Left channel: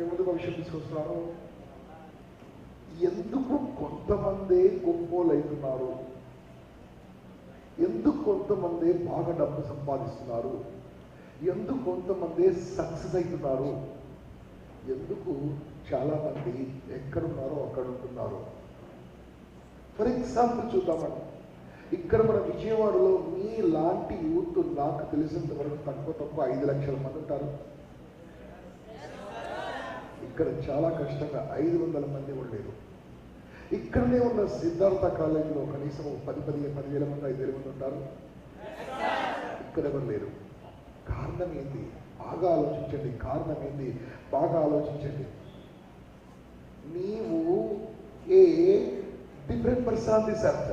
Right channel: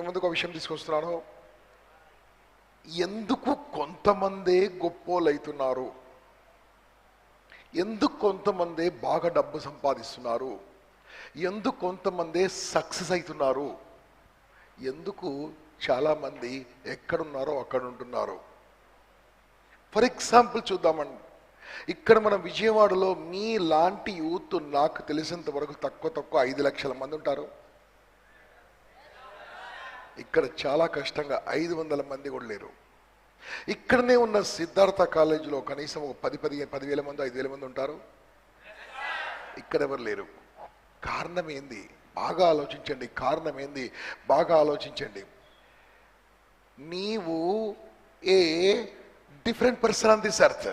మీ ముందుకు ఒక విషయం తీసుకొస్తున్నాను. ఎందుకు కొంతమంది గొప్పోళ్ళు అవుతున్నారు, ఎందుకు కొంతమంది బాగా డబ్బు సంపాదిస్తున్నారు, ఎందుకు కొంతమంది సక్సెస్ అవుతున్నారు, ఎందుకు చాలామంది ఎక్కడున్నారో అక్కడ ఉంటున్నారు. ఫర్ ఎగ్జాంపుల్ చూద్దామండి. ఇక్కడ మన విజయవాడలో మీ లాంటి యూత్ నాకు తెలిసినంత వరకు తక్కువ 5 లక్షల మంది ఉంటారు. ఇక్కడ చాలా కష్టంగా 500 మంది కూడా లేరు. ఇక్కడనే ఉన్న సిద్ధార్థ కాలేజీలో కనీసం 10,000 మంది 5,000 మంది ఉంటారు. ఇక్కడ ఎవరు లేరు. కారణం ఏంది? బాగా ఆలోచించండి. కారణం ఏంది? బాగా ఆలోచించండి. నీవు a different person on this earth,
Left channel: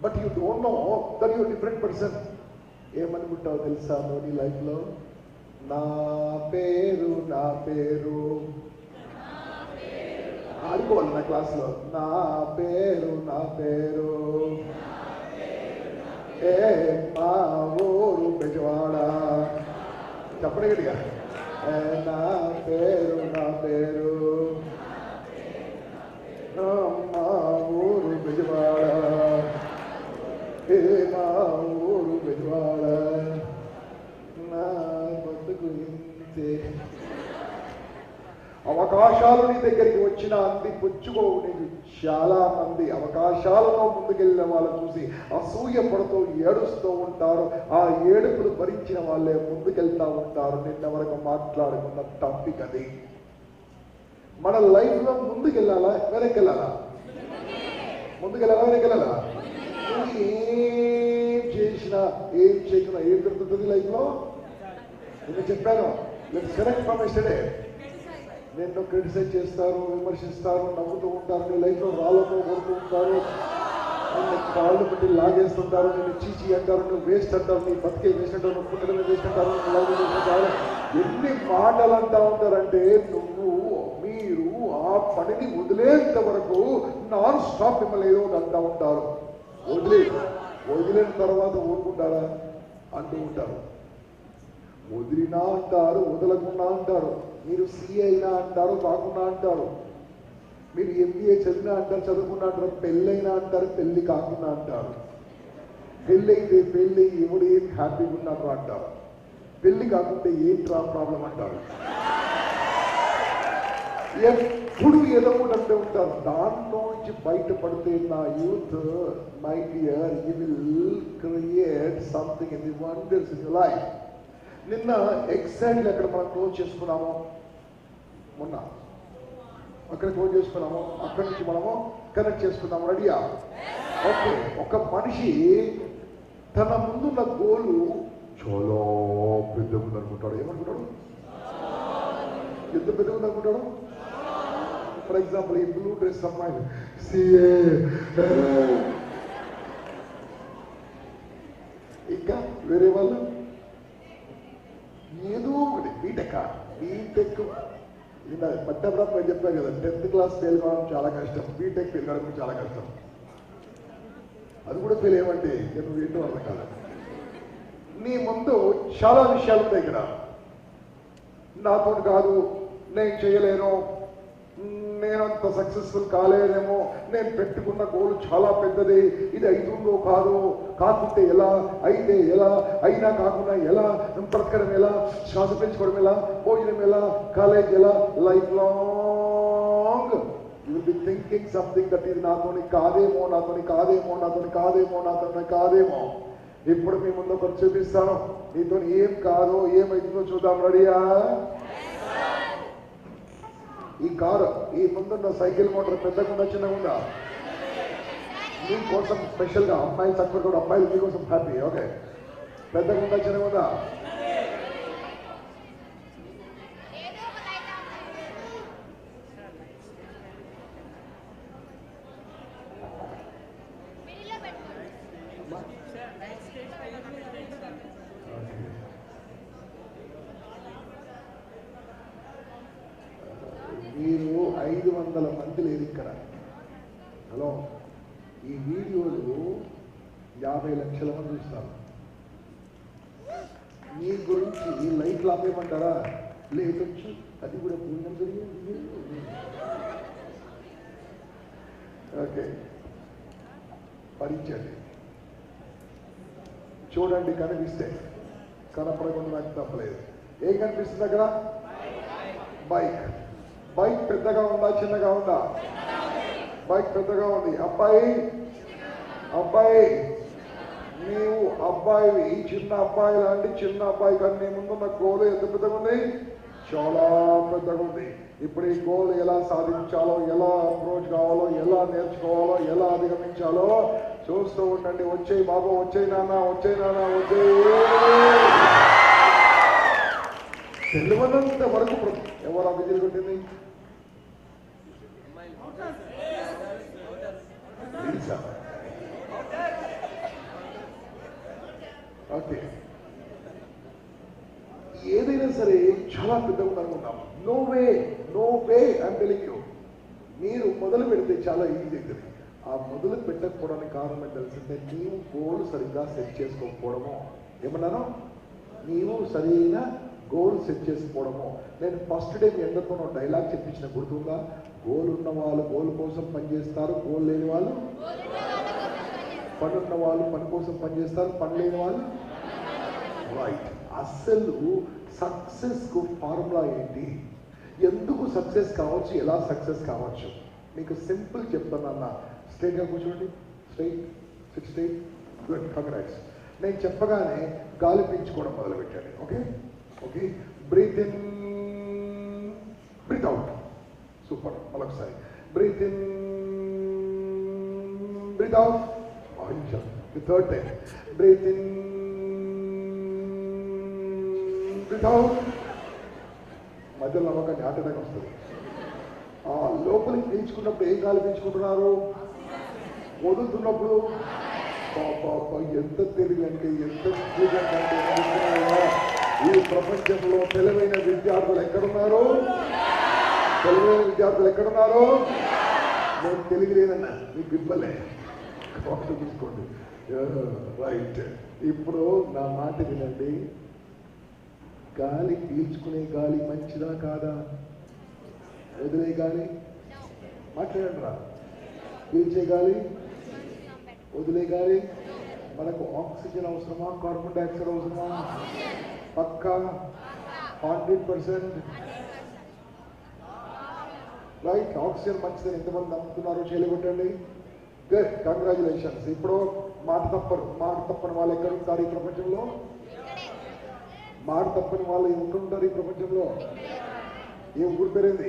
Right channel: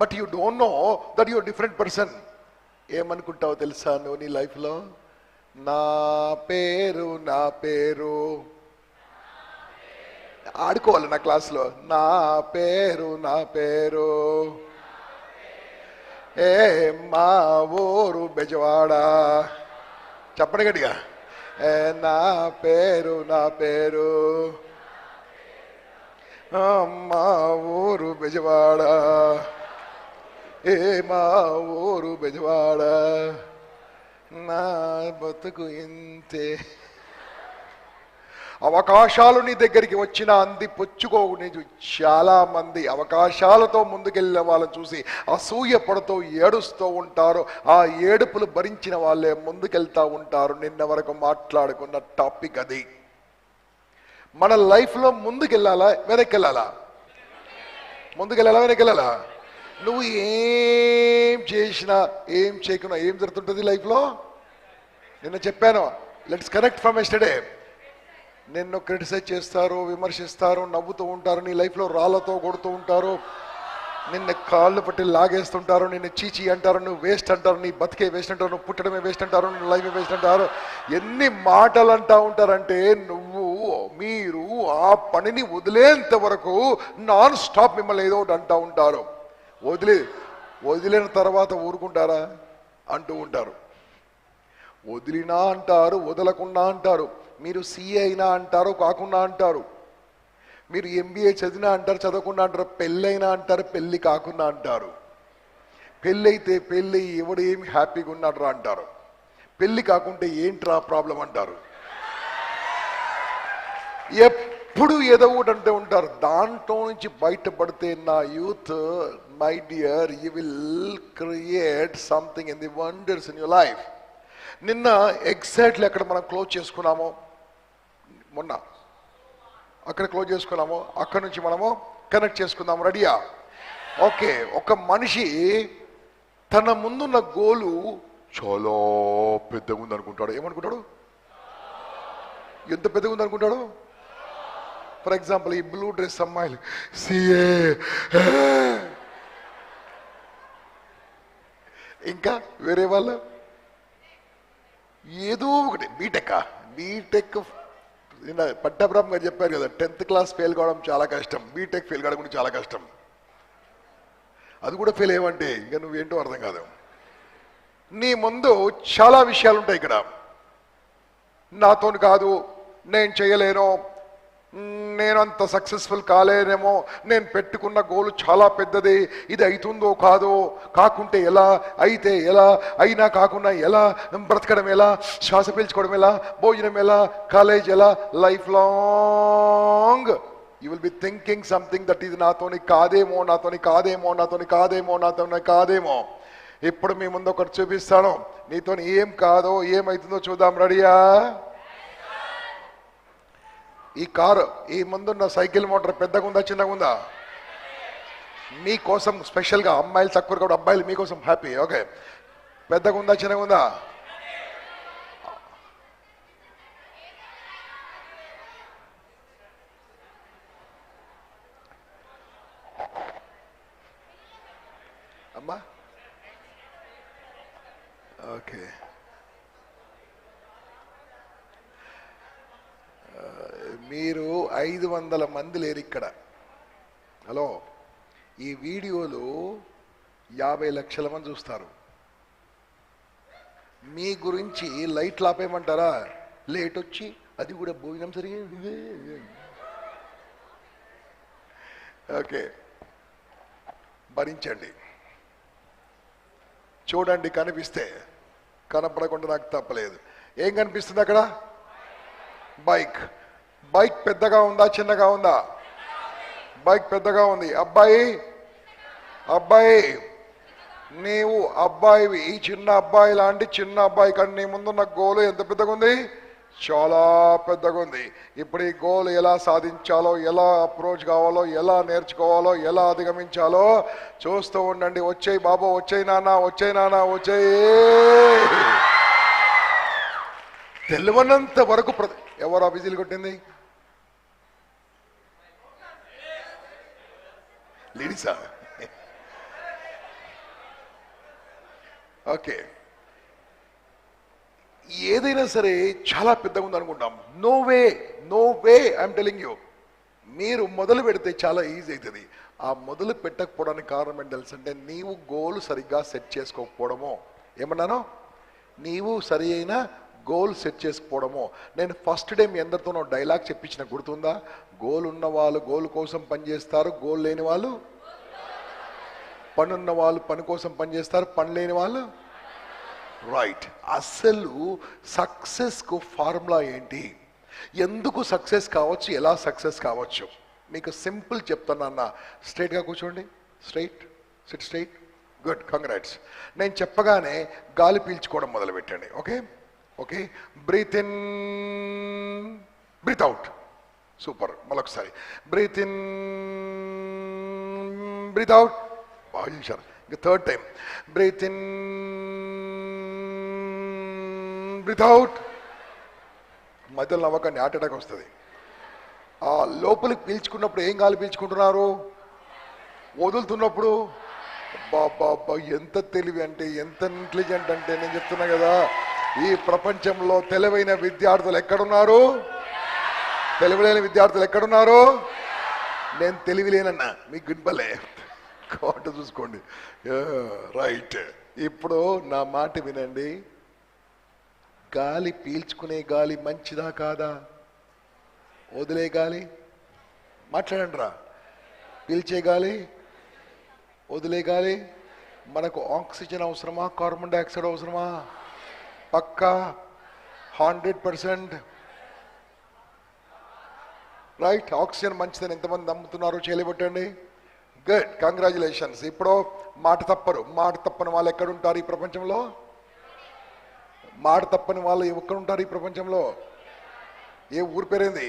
but you don't know that your different person. ఏమనుకుంటావో తెలుసా నువ్వు నీ లైఫ్లో? నా పేరు ఆడుకోవాలి నా క్లాస్లో. నా పేరు ఏ మా ఊరు బెజవాడ. చెప్పండి గట్టిగా. నా పేరు మా ఊరు బెజవాడ. ఏ మా ఊరు బెజవాడ. నా బతుకు ఇంతే. అవకాశాలు నీ దగ్గరికి వచ్చిన అంది పుచ్చుకోవు. నేను చాలా మంది అవకాశాలతో ముందుకెళ్ళిన వాళ్ళని చూసి అసూయ పడుతూ ఏడుస్తూ ఉంటారు. ఆ ఏడుపులు భరించిన వాళ్ళే ముందుకెళ్తా ఉంటారు. నిన్న వరకు మాట్లాడుకున్న టాపిక్ అది. మన లైఫ్లో ముందుకెళ్ళాలా వెనక్కెళ్ళాలా? ముందుకెళ్ళాలా వెనక్కెళ్ళాలా? నువ్వు ఏం చేసినా ఏం చేయకుండా ఏం జరుగుతుంటుంది లైఫ్లో? నిన్న చెప్పాను, లెట్స్ కరెక్ట్ ఫ్రమ్ ఎస్టర్డే. నిన్ను క్రిటిసైజ్ చేస్తారు, విమర్శిస్తారు, నవ్వుతూ ఉంటారు, నీ లైఫ్లో రాళ్ళతో కొడుతూ ఉంటారు, నిన్ను కాళ్ళు పట్టి లాగేస్తుంటారు, నిన్ను చీచి అంటారు, నువ్వు వేస్ట్ అంటారు, నీ బతికే వేస్ట్ అంటారు, నువ్వు పుట్టడమే వేస్ట్ అంటారు, నువ్వు లైఫ్ వేస్ట్ అంటారు. ఎన్ని మాటలు అంటూ ఉంటారంటే మీరు ఆ పనిని వదిలేంత వరకు నాన్ స్టాప్ మిమ్మల్ని ఏదో ఒకటి అంటూ ఉంటారు. వదిలేన తర్వాత ఊరుకుంటారా? అంటూ ఉంటారు. వదిలినా అంటారు, వదలకుండా అంటారు. మీరు సిఏ అయినా అంటారు, కాకుండా అంటారు. మీరు ఎంబీఏ చదివినా అంటారు, చదవకుండా అంటారు. పెళ్ళైనా అంటారు, పెళ్ళి కాకుండా అంటారు. పెళ్ళైతే పెళ్ళి ఎవడు ఏమి హ్యాపీగా ఉన్నాడ్రా అంటారు. పెళ్ళి కాకుంటే ఏంట్రా ప్రాబ్లం అంటారు. ఎప్పుడు ఏదో ఒకటి అంటూ ఉంటారు. దాంట్లో నుంచి బయటపడితే నా youth, my dear, you will create something in the wonders in your life. నిన్న ఎగ్జాక్ట్లీ అక్కడ మనం క్లోజ్ చేసుకున్నాము. మొన్న అక్కడ క్లోజ్ చేసుకున్నాము. అక్కడ నుంచి మనము కనెక్ట్ చేసుకుందాము. రెడీయా? ఓకే. ఒక మనిషి తన ముందున్న గోలు చాలా పెద్దగా ఉందనుకుంటాడు. ఏమనుకుంటాడు? ఎంత పెద్దగా ఉందనుకుంటాడు? ఫర్ ఎగ్జాంపుల్, ఈ బ్లూ డ్రెస్ అమ్మాయిలు సిఏ, ఇంకా వేరే వాళ్ళు ఏదో ఒకటి బీటెక్ పట్టబ్రహ్మ గారు చెప్పారు కదా, 10th క్లాస్ ఫెయిల్ కావడం చాలా కష్టం, బీటెక్ ఫెయిల్ కావడం కూడా చాలా కష్టం. అది కూడా ఫెయిల్ అయ్యమంటే ఇంకా నువ్వేంటో అర్థం కాదు. నీ ముందు చాలా విషయాలు ఉంటాయి. ఇక్కడ నాతో కాదు, నేను చేయలేను, నేను అంత సక్సెస్ఫుల్ కాలేనేమో, నేను పెట్టుకున్న గోలు చాలా పెద్దది, ఇది అవుతుందో కాదో, కాకుంటే ఎలా, అయితే ఎలా, అయినా కాకుండా ఎలా, బ్రతకడం ఎలా, శ్వాస పీల్చుకోవడం ఎలా, భోజనం ఎలా, కాలేజ్ ఎలా, life long you will be thinking something that ఇది నాతోని కాదేమో. ఇప్పుడు మీ ముందు ఒకటి చూపిస్తాను. నీతో ఏం కాదో ఏమవుతుందో చూద్దాం. రెడీయా? ఈ కారు, ఈ ముందున్న సైకిల్ మోటార్ పెద్దగా ఉందా చిన్నగా ఉందా? మీకోసం స్పెషల్గా, అమ్మాయిలు తక్కువ కూడా, అబ్బాయిలు మీకోసం హ్యాపీ. ఓకే, పెద్దగా ఉందా చిన్నగా ఉందా? అమ్మా ఓకే. మీరు 500 మంది లేరు ఇక్కడ. హలో, ఈ వీడియోలు 50 లక్షల మంది చూస్తారు. మీ గురించి లైట్లు ఆపేయమంటారా? లేట్ వచ్చి అది కూడా భోజనం జరిగింది. ఓకే, భరించండి. చూడండి, కనిపిస్తే, కనపడకుండా నాకు తప్పలేదు. ఏం కనిపిస్తుంది అక్కడ? బైక్. బైక్ పెద్దగా ఉందా చిన్నగా ఉందా? బైక్ పెద్దగా ఉంది. అబ్బాయి, అబ్బాయి నీవు అబ్బాయివి, చిన్న అబ్బాయి లాంటి చిన్న అబ్బాయి కానీ నీ ముందున్న గోలు ఎంత పెద్దగా ఉంది? చాలా పెద్దగా ఉంది. ఇప్పుడు ఈ గోల్ ఎలా సాధించాలో, ఎలా అప్రోచ్ కావాలో, ఎలా నేర్చుకోవాలో, ఎలా అధిగమించాలో చూస్తూ ఉండండి. వచ్చేయి బాబు, వచ్చేయి నాన్న, వచ్చేయి నాన్న, వచ్చేయి. తెలియనంత వరకు ఎవరు ఆ విజిల్ కొట్టింది? లేడీసా? ఓకే, ఏదైనా సరే చాలా పెద్దగా ఉంది అనుకుంటాం. No way, no way, I'm telling you. మీరు మొదలు పెడితే చాలా ఈజీ అవుతుంది. ఆ మొదలు పెట్టకపోవడానికి కారణం ఏంటి తెలుసంటే, నీవు గోల్ సరిగ్గా సెట్ చేసుకోకపోవడము. ఏమన్నాను? నీవు సరి అయిన గోల్ సెట్ చేసుకోవడము. నేను ఫస్ట్ డే మీ అందరితోనూ డైలాగ్ చెప్పించిన గుర్తుందా? గోల్ ఉన్న వాళ్ళు గోల్ కోసం పనిచేస్తారు, గోల్ లేని వాళ్ళు పని ఉన్న వాళ్ళు పని కోసం పనిచేస్తారు, పని లేని వాళ్ళు రైట్. అసలు సక్సెస్కు ఫార్ములా ఏంటి? ఎందుకు సక్సెస్ కావచ్చు, ఎలా సక్సెస్ కావచ్చు? మీకు సింపుల్ చెప్తానన్న. స్ట్రైట్గా కూర్చోండి. Straight, sit straight. Good, congrats. నేను చెప్పగానే గాలి పీల్చుకోవడం మొదలు పెట్టండి. Okay okay, breathe in, breathe out. Super. మరొకసారి బ్రీత్ ఇన్, బ్రీత్ అవుట్. బాగా చేశారు. Third time breathe in, breathe out. మధ్యలో నమ్మకాన్ని హార్ట్ అటాక్ వస్తుంది. ఆ లోపలికి పీల్చుకున్నప్పుడు ఏం గాలి పీల్చుకుంటున్నారు? వదులుతున్నప్పుడు బాబా ఎంత తెలివి అంటే, ఎంత ఇంటెలిజెంట్ అంటే. నేను చెప్తున్నా కదా, ఈ ప్రపంచంలో తెలివైన విద్యార్థులు ఎక్కడున్నారు? తెలివిలేని విద్యార్థులు ఎక్కడున్నారు? నేను తెలివి లేనన్నా, మీకు ఇవ్వలే కాబట్టి చూసుకోండి. రైట్. ఇప్పుడు నా మాట వినండి. గాలి పీల్చుకునే గాలి మంచిదా కాదా? వదిలే గాలి మాట్లాడండి రా. పీల్చే గాలి, వదిలే గాలి. మనకు ఆక్సిజన్ అవసరమా, కార్బన్ డైఆక్సైడ్ అవసరమా? పక్కా 100%. రైట్. ఆక్సిజన్ మంచిదని ఎంతమంది నమ్ముతున్నారు? చేయలేబట్టండి. Good, congratulations. ఇప్పుడు మాట తప్పరు. మాట తప్పని వాళ్ళు ఎక్కడుంటారు ఈ ప్రపంచంలో? మాట తప్పని వాళ్ళు ఎక్కడుంటారు ఈ ప్రపంచంలో? ఏ ఊరి పేరేంది?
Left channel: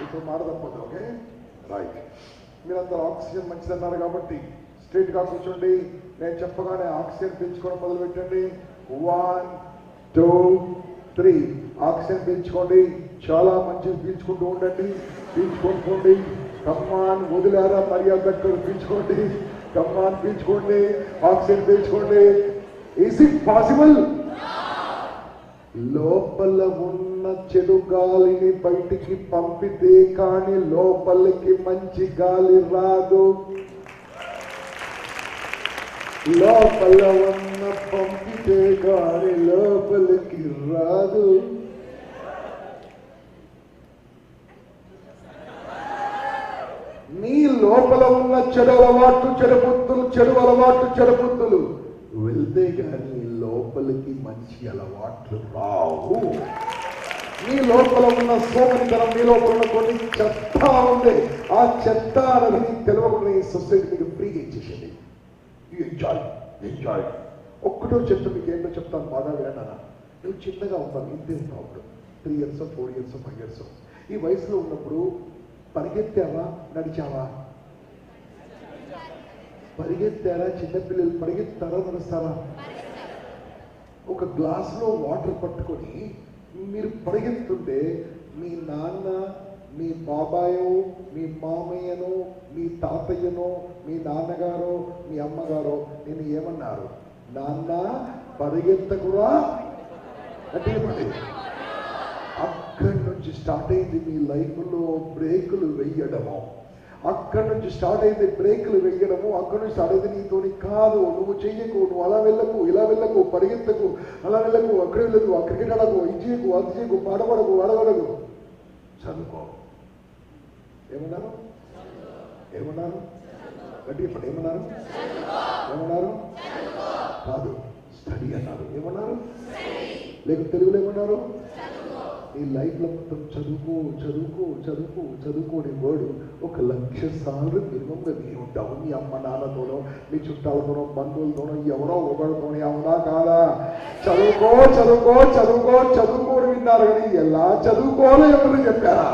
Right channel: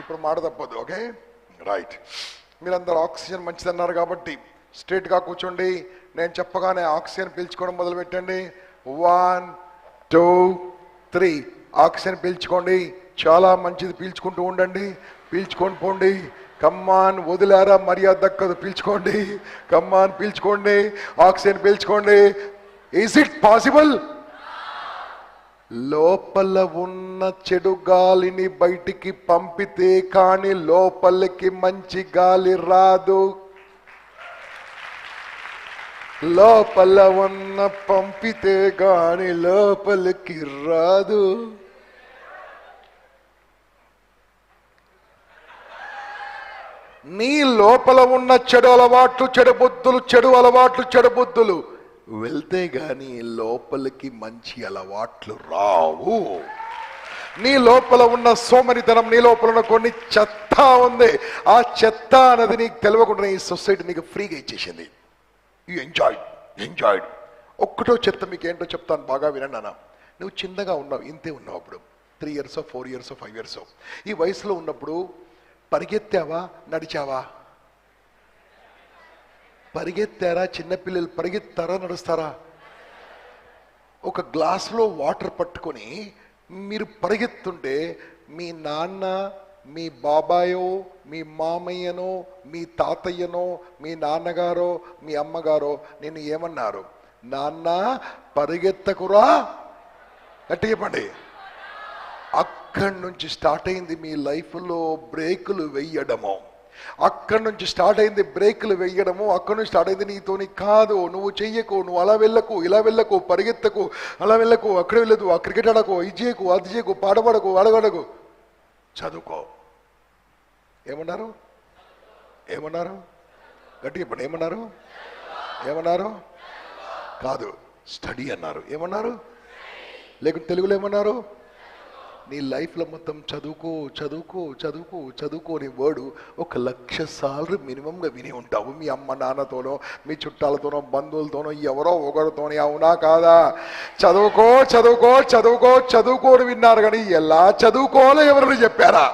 ఇప్పుడు మాట తప్పదు. Okay right. మీరందరూ ఆక్సిజన్ మంచిదన్నారు కాబట్టి స్ట్రైట్గా కూర్చోండి. నేను చెప్పగానే ఆక్సిజన్ పీల్చుకోవడం మొదలు పెట్టండి. 1 2 3 ఆక్సిజన్ పీల్చుకోండి. చాలా మంచిది. పీల్చుకుంటూ ఉండండి. పీల్చుకొని పోండి. కమ్మాన్, వదిలారా మర్యాద దక్కదు. పీల్చుకోండి. కమ్మాన్, పీల్చుకోండి. ఆక్సిజన్ పీల్చుకోండి. Is it possible? లోపల ఉన్న చెడు గాలిని బయటికి పంపితే కానీ లోపలికి మంచి గాలి రాదు. లోపల ఉన్న పంపితే కానీ లోపలికి రాదు. నీ లోపల ఉన్న చెడు అలవాట్లు, చెడు బుద్ధులు, చెడు అలవాట్లు, చెడు బుద్ధులు వెళ్తే గాని లోపలికి మంచి అలవాట్లు రావు. నీ లోపల ఉన్న సోమనితనం, నీ లోపల ఉన్న కొన్ని చెత్త ఉంది. ఆ చెత్త అనేది నీకు తెలియకుండా ఈ సొసైటీ నీకు ఫ్రీగా ఇచ్చేసింది. You enjoy. ఒక్కటో చెత్త మీకు ఏంటో చెప్తాను, బాగా వినండి అన్న. నువ్వు చిన్నగా ఉన్నావు, ఇంతే ఉన్నావు. అప్పుడు 3 years 4 years 5 years ఈ వయసులో ఉన్నప్పుడు పరిగెత్తావా, నడిచావా? పరిగెత్తారా? చిన్నపిల్లలు పరిగెత్తారా, నడుస్తారా? ఒక గ్లాసులో వాటర్ పట్టుకొని మీరు పరిగెత్తుంటే మీ నాన్న, మీ బాబాయో, మీ మామయ్యనో, మీ తాతయ్యనో, మీ నాన్నగారో, మీ అమ్మగారో నిన్ను ఏమన్నారు? నాన్న పరిగెత్తకురా అంటే చెప్పండి. అక్కడి నుంచి స్టార్ట్ అయింది మీ లైఫ్లో బ్రేకులు వేయడము. అక్కడి నుంచి స్టార్ట్ అయింది బ్రేకులు వేయడము, అక్కడి నుంచి స్టార్ట్ అయింది నీతోని కాదు, నువ్వు చెయ్యకు, నువ్వు అలా వెళ్ళకు, ఇలా వెళ్ళకు, పరిగెత్తకు, అలా వెళ్ళకు, అక్కడ వెళ్ళదు, ఆ క్రికెట్ ఆడకు, ఇది చేయకు, అది చేయకు, పాట పాడకు, అడగడకు, చదువుకో. ఏమన్నారు? ఏమన్నారు? గట్టిగా ఇప్పుడు ఏమన్నారు? ఏమన్నారు? కాదు, స్టడీ అన్నారు. ఏమన్నారు? లేకుంటే తెలుగులో ఏమన్నారు? నీ లైఫ్లో మొత్తం చదువుకో చదువుకో చదువుకో చదువుకో అనే వర్డు 1,00,000 సార్లు మినిమంగా విని ఉంటావు. మీ అమ్మ నాన్నతోనో, మీ చుట్టాలతోనో, బంధువులతోనో, ఎవరో ఒకరితోని. అవునా కాదా? చదువుకో చదువుకో చదువుకో చదువుకోని విన్నారు, కానీ ఎలా చదువుకోవాలో ఎవరైనా చెప్పారా?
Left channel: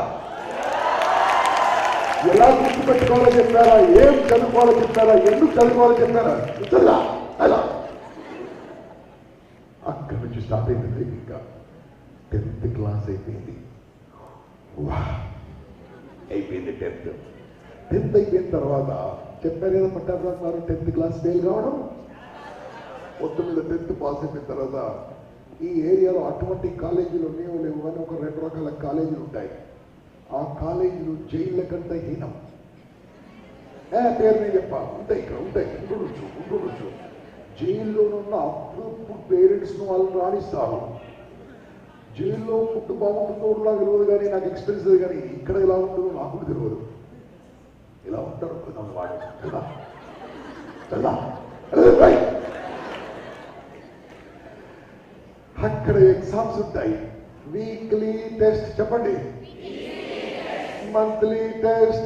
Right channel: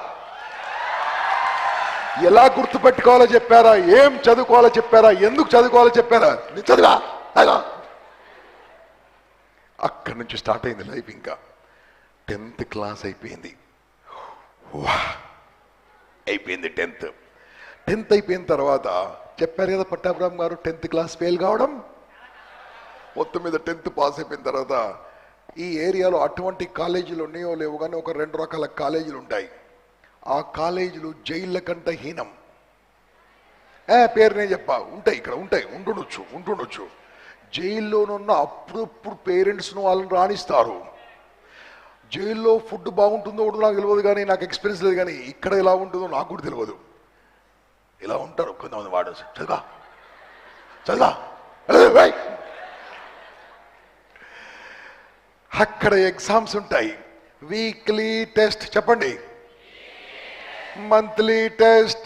ఎలా గుర్తుపెట్టుకోవాలో చెప్పారా? ఏం చదువుకోవాలో చెప్పారా? ఎందుకు చదువుకోవాలో చెప్పారా? చదువుగా అక్కడి నుంచి స్టార్ట్ అయింది లైఫ్. ఇంకా 10th క్లాస్ అయిపోయింది. అయిపోయింది 10th అయిపోయిన తర్వాత చెప్పారు కదా పట్టాభిరామ్ గారు, 10th క్లాస్ ఫెయిల్ కావడం. మొత్తం మీద 10th పాస్ అయిపోయిన తర్వాత ఈ ఏరియాలో అటువంటి కాలేజీలు ఉన్నాయో లేవు కానీ ఒక 2 రకాల కాలేజీలు ఉంటాయి. ఆ కాలేజీలు జైళ్ళ కంటే హీనం. పేరు నేను చెప్పా, ఉంటాయి, ఇక్కడ ఉంటాయి, ఉంటుండొచ్చు. జైల్లోనున్న అప్పుడు పేరెంట్స్ను వాళ్ళని రాణిస్తారు. జైల్లో ఫుడ్ బాగుంటుందో కూడా నాకు తెలియదు, కానీ నాకు ఎక్స్పీరియన్స్ లేదు. కానీ ఇక్కడ ఎలా ఉంటుందో నాకు కూడా తెలియదు. ఇలా ఉంటారు కొంతమంది. వాడు చదువు అక్కడ ఎగ్జామ్స్ ఉంటాయి. వీక్లీ టెస్ట్ చెప్పండి, monthly test,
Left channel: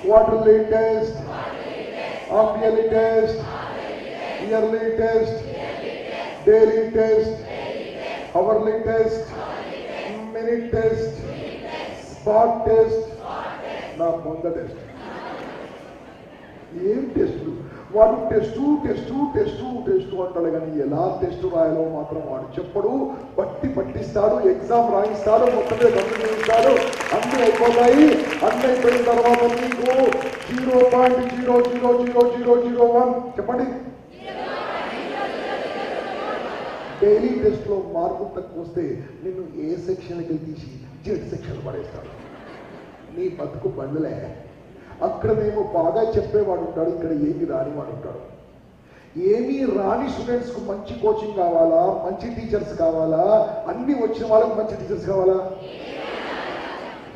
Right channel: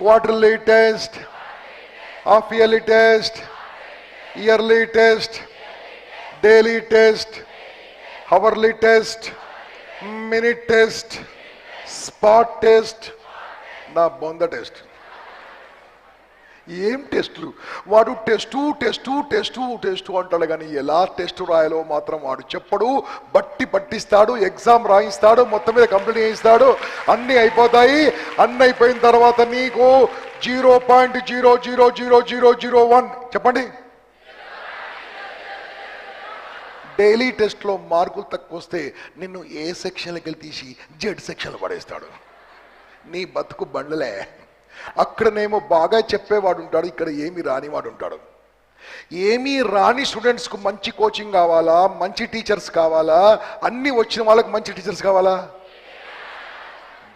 quarterly test, half yearly test, yearly test, daily test, hourly test, minute test, spot test, నా బొంద టెస్ట్. ఏం టెస్టులు? వాడు టెస్టు అంటాడు, కానీ ఎలా టెస్ట్ రాయాలో మాత్రం వాడు చెప్పడు. పట్టిస్తాడు, ఎగ్జామ్ రాయిస్తాడు, మొత్తం మీద కంప్లీట్ చేయిస్తాడు. అన్నీ అయిపోతాయి. అన్నీ అయిపోయిన తర్వాత నీకు 0.0000001 చెప్పండి. డైలీ టెస్ట్లో మార్కులు తక్కువ వస్తే నిన్ను ఏ సెక్షన్కి వెళ్ళి తీసి జెడ్ సెక్షన్లో పడేస్తాడు. నీ బతుకు బండలే. అక్కడనేమో బాగా చెప్పేవాడు ఉంటాడు, ఇక్కడ ఏమీ రానివాడు ఉంటాడు. ఏమీ రాని స్టూడెంట్స్కు మంచి కోచింగ్ కావాలా, మంచి టీచర్స్ కావాలా, అన్నీ వచ్చిన వాళ్ళకి మంచి టీచర్స్ కావాలా?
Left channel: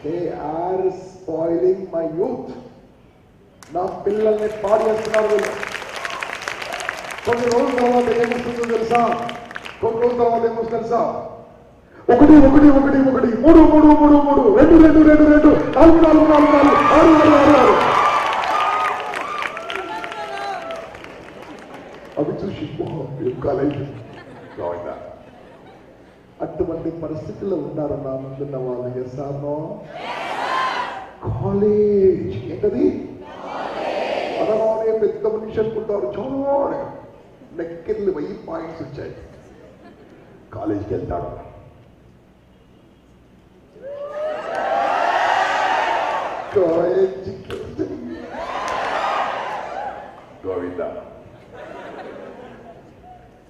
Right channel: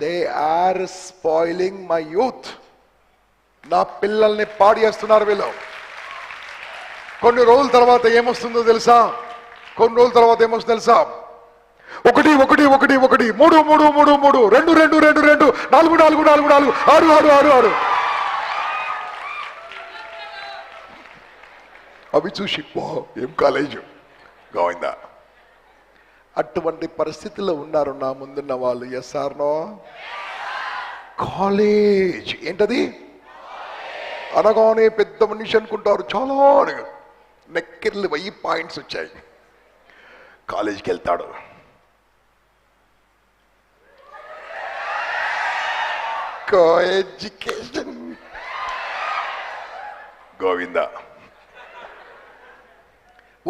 They are spoiling my youth. నా పిల్లల్ని పాడు చేస్తున్నారు వీళ్ళు. కొన్ని రోజుల తర్వాత ఏమొస్తుందో తెలుసా? 1 1 1 1 3 3 3 2 2 2 4 4 4 4 6 6 6 6 అవి చూసి ఏం కాలేజు గోవిందా. అటువంటి పరిస్థితుల్లో ఉన్నారు నా ముందున్న వాళ్ళు. Yes are no? కాలేజ్ ఏంటది అనగానే పెద్ద మనిషి అనుకుంటారు. చాలా నెక్కిర్లు 1000 పాయింట్స్ వచ్చాయి. కాలేజీకి వెళ్తాడు. ఎడ్యుకేషన్ గోవిందా.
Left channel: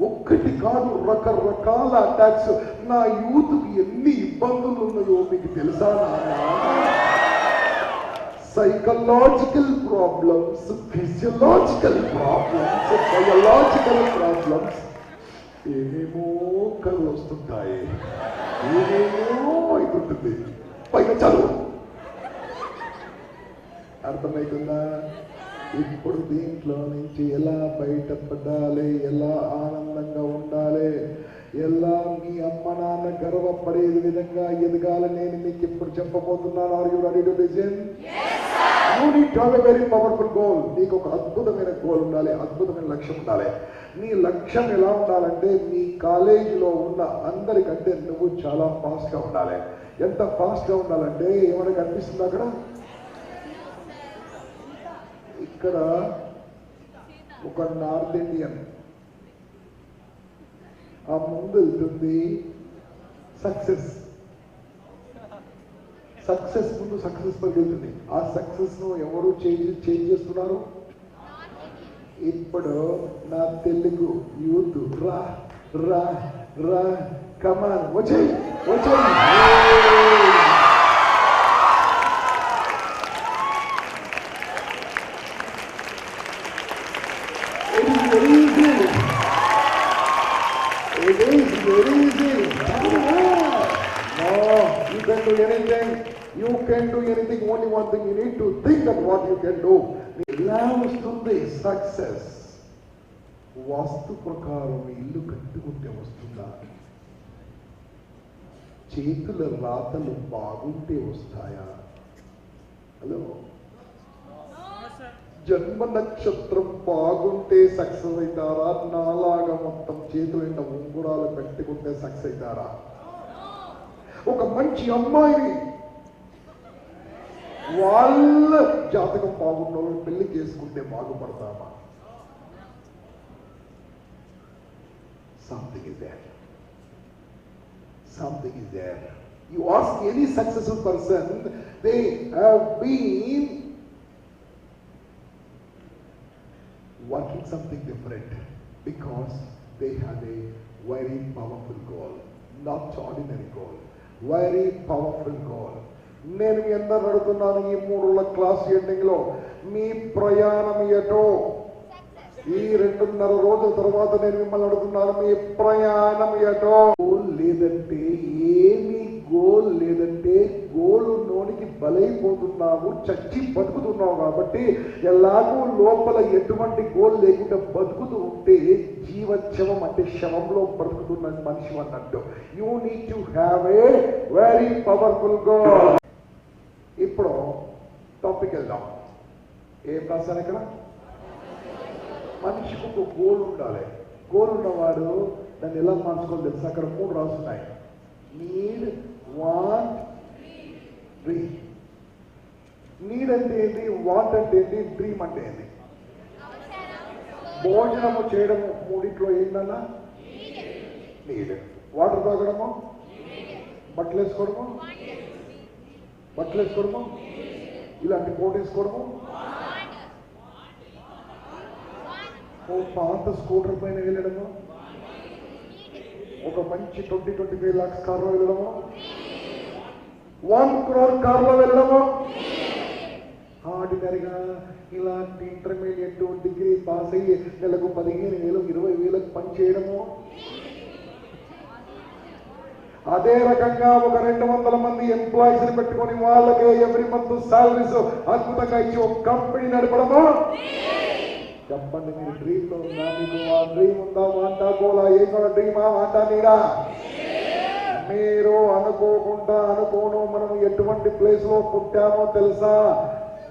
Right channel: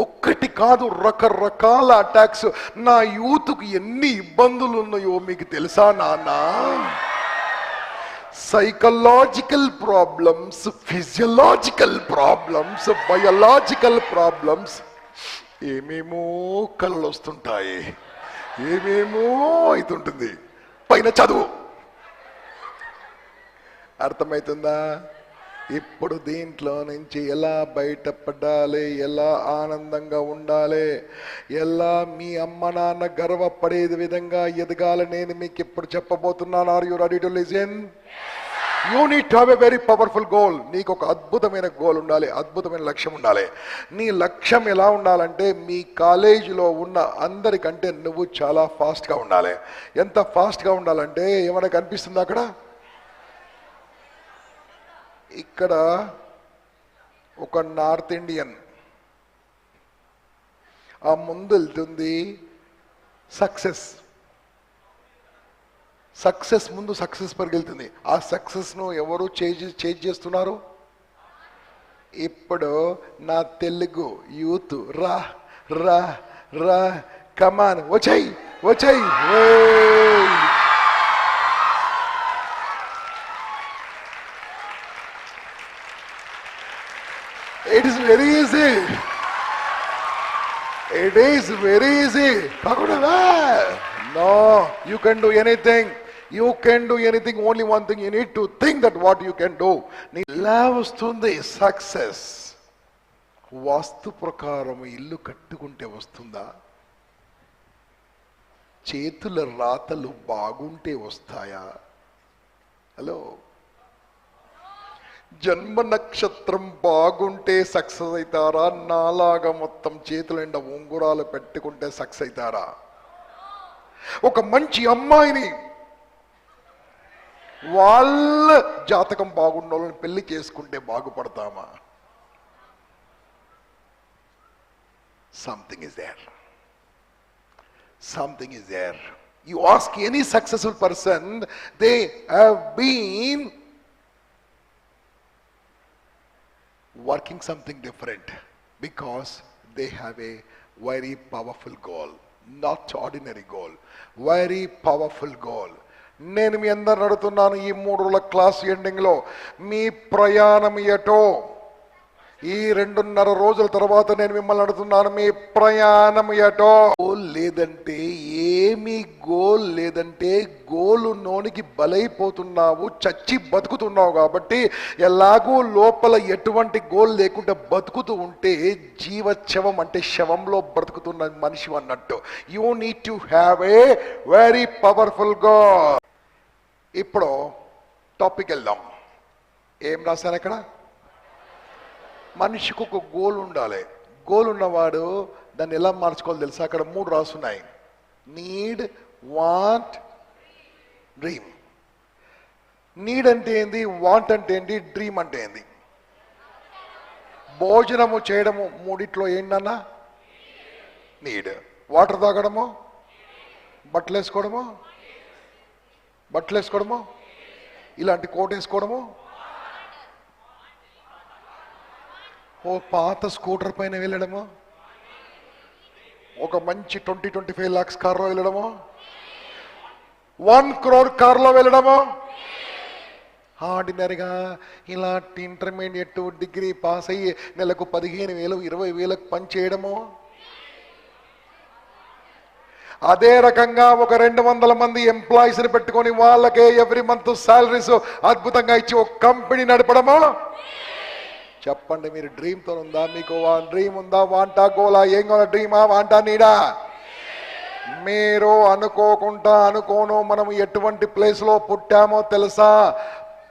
ఒక్కటి కాదు, రకరకాల అటాక్స్. నా యూత్కు ఎన్ని ఇబ్బందులు ఉన్నాయో మీకు తెలుసా నాన్న? Psychological problems, physiological problems, biological problems. ఏమేమో కళ్ళు వస్తుంటాయి, ఏమేమో అవుతుంటుంది. పైన చదువు. అర్థమవుతుందా? ఇప్పుడు దీంట్లో నుంచి ఎలా బయటపడాలి, ఎలా ఆనందంగా ఉండాలి, ఎలా మీ అమ్మ నాన్న గర్వపడే విధంగా ఎదగాలి, నేను మీకు ఇప్పుడు చెప్పబోతున్నాను. Are you ready to listen? You need to have a very powerful goal. నీకు ఒక అద్భుతమైన గోల్ ఉండాలి, అద్భుతమైన లక్ష్యం ఉండాలి. నీ లక్ష్యం ఎలా ఉండాలంటే మీ కాలేజీలో ఉన్న అందరికంటే నువ్వు చాలా ఫాస్ట్గా ఉండాలి. ఎంత ఫాస్ట్గా ఉండాలంటే ఏమైనా కనిపిస్తుంది అక్కడ? ఇక్కడ ఒక నార్త్ ఇండియన్ ఆ ముందు వెళ్తుంది. సక్సెస్ ముందు సక్సెస్ పరిగెళ్తుంది. ఆ సక్సెస్ను ఎవరు చేంజ్ చేస్తున్నారు? ఇప్పుడు నా తెలుగు యూత్ రా రా రా కమాన్ వచ్చాయి. can do anything. You can do anything. Only one thing, you need to think that what you can do. ఎలా వస్తుంది సక్సెస్? వాస్తు ప్రకారం ఇల్లు కట్టుకుంటే వస్తుందా? చేతుల రాతలు బాగుంటే వస్తాయా? హలో, జన్మ నక్షత్రం బాగుంటే సక్సెస్ అవుతారా? నాలాగా మొత్తం చేతుల నిండా ఉంగురాలు పెట్టుకుంటే సక్సెస్ అవుతారా? ఒక మంచి అమ్మాయిని వాళ్ళ జాతకం బాగున్న వాళ్ళని పెళ్లి చేసుకుంటే బాగుపడతామా? Something is there. Something is there. You ask any successful person, they have been working something different because they have a very powerful goal, not ordinary goal, very powerful goal. నేను మీ అందరు అడుగుతున్నాను, ఈ 3 రోజుల క్లాస్ ఎండింగ్లో మీ ప్రయాణం ఎటో? ఈ 2.5 రోజుల తర్వాత నేను మిమ్మల్ని అడుగుతున్నాను, మీ ప్రయాణం ఎటో? గోల్ లేదంటే, ఏమీ గోల్ లేదంటే గోలు నోనికి బలైపోతున్నావు, చచ్చి బతుకుతున్నావు. కాబట్టి ఎలాగో లోపల ఎటువంటి గోల్ లేకుండా బతుకుతూ ఉంటే జీవశవం అంటే శవంలో బ్రతుకుతున్న మనిషి అన్నట్టు. You need to have a very powerful goal. ఇప్పుడు టాపిక్ వెళ్దాం. ఏం రాశారు అక్కడ? మనిషికి ఒక గోల్ ఉండాలి. గోల్ ఉన్నవాడు దాన్ని ఎలా మార్చుకోవాలి తెలుసా? అక్కడ 3 రాసున్నాయి. Need, want, dream. నీడ్ అంటే ఏంది? వాంట్ అంటే ఏంటి? డ్రీమ్ అంటే ఏంది? భోజనము చేయడము మూడిట్లో ఏంటన్నా? నీడ్. వాటర్ తాగడము, బట్టలు వేసుకోవడము, ఇలాంటి కోట్ వేసుకోవడము, ఓ పాత స్కూటర్ పైన వెళ్ళడము, ఒక మంచి 20-25 lakhs కార్లో వెళ్ళడము, 1 crore కార్లో వెళ్ళడము, ఆర్డినరీగా ఇలాంటి ఇంటర్మీడియట్ డిగ్రీ పాస్ అయ్యి నెలకు 15,000 20,000 పని చేయడము. అదే రకంగా ఒక 200 మంది ఎంప్లాయీస్ని పెట్టుకొని వాళ్ళకే ఎవ్రీ మంత్ సాలరీస్ అద్భుతంగా ఇచ్చి ఒక కంపెనీ నడపడము. చెప్పండి, మీరు డ్రీమ్తో ఉందా? మీకు డ్రీమ్ ఉందా? వాంటా గోలా? ఏం కావాలా? డ్రీమా, వాంటా, నీడా? మీరు అనుకోకుండా అనుకోను మనం ఎటువంటి ప్లేస్లో పుట్టామో తెలుసా?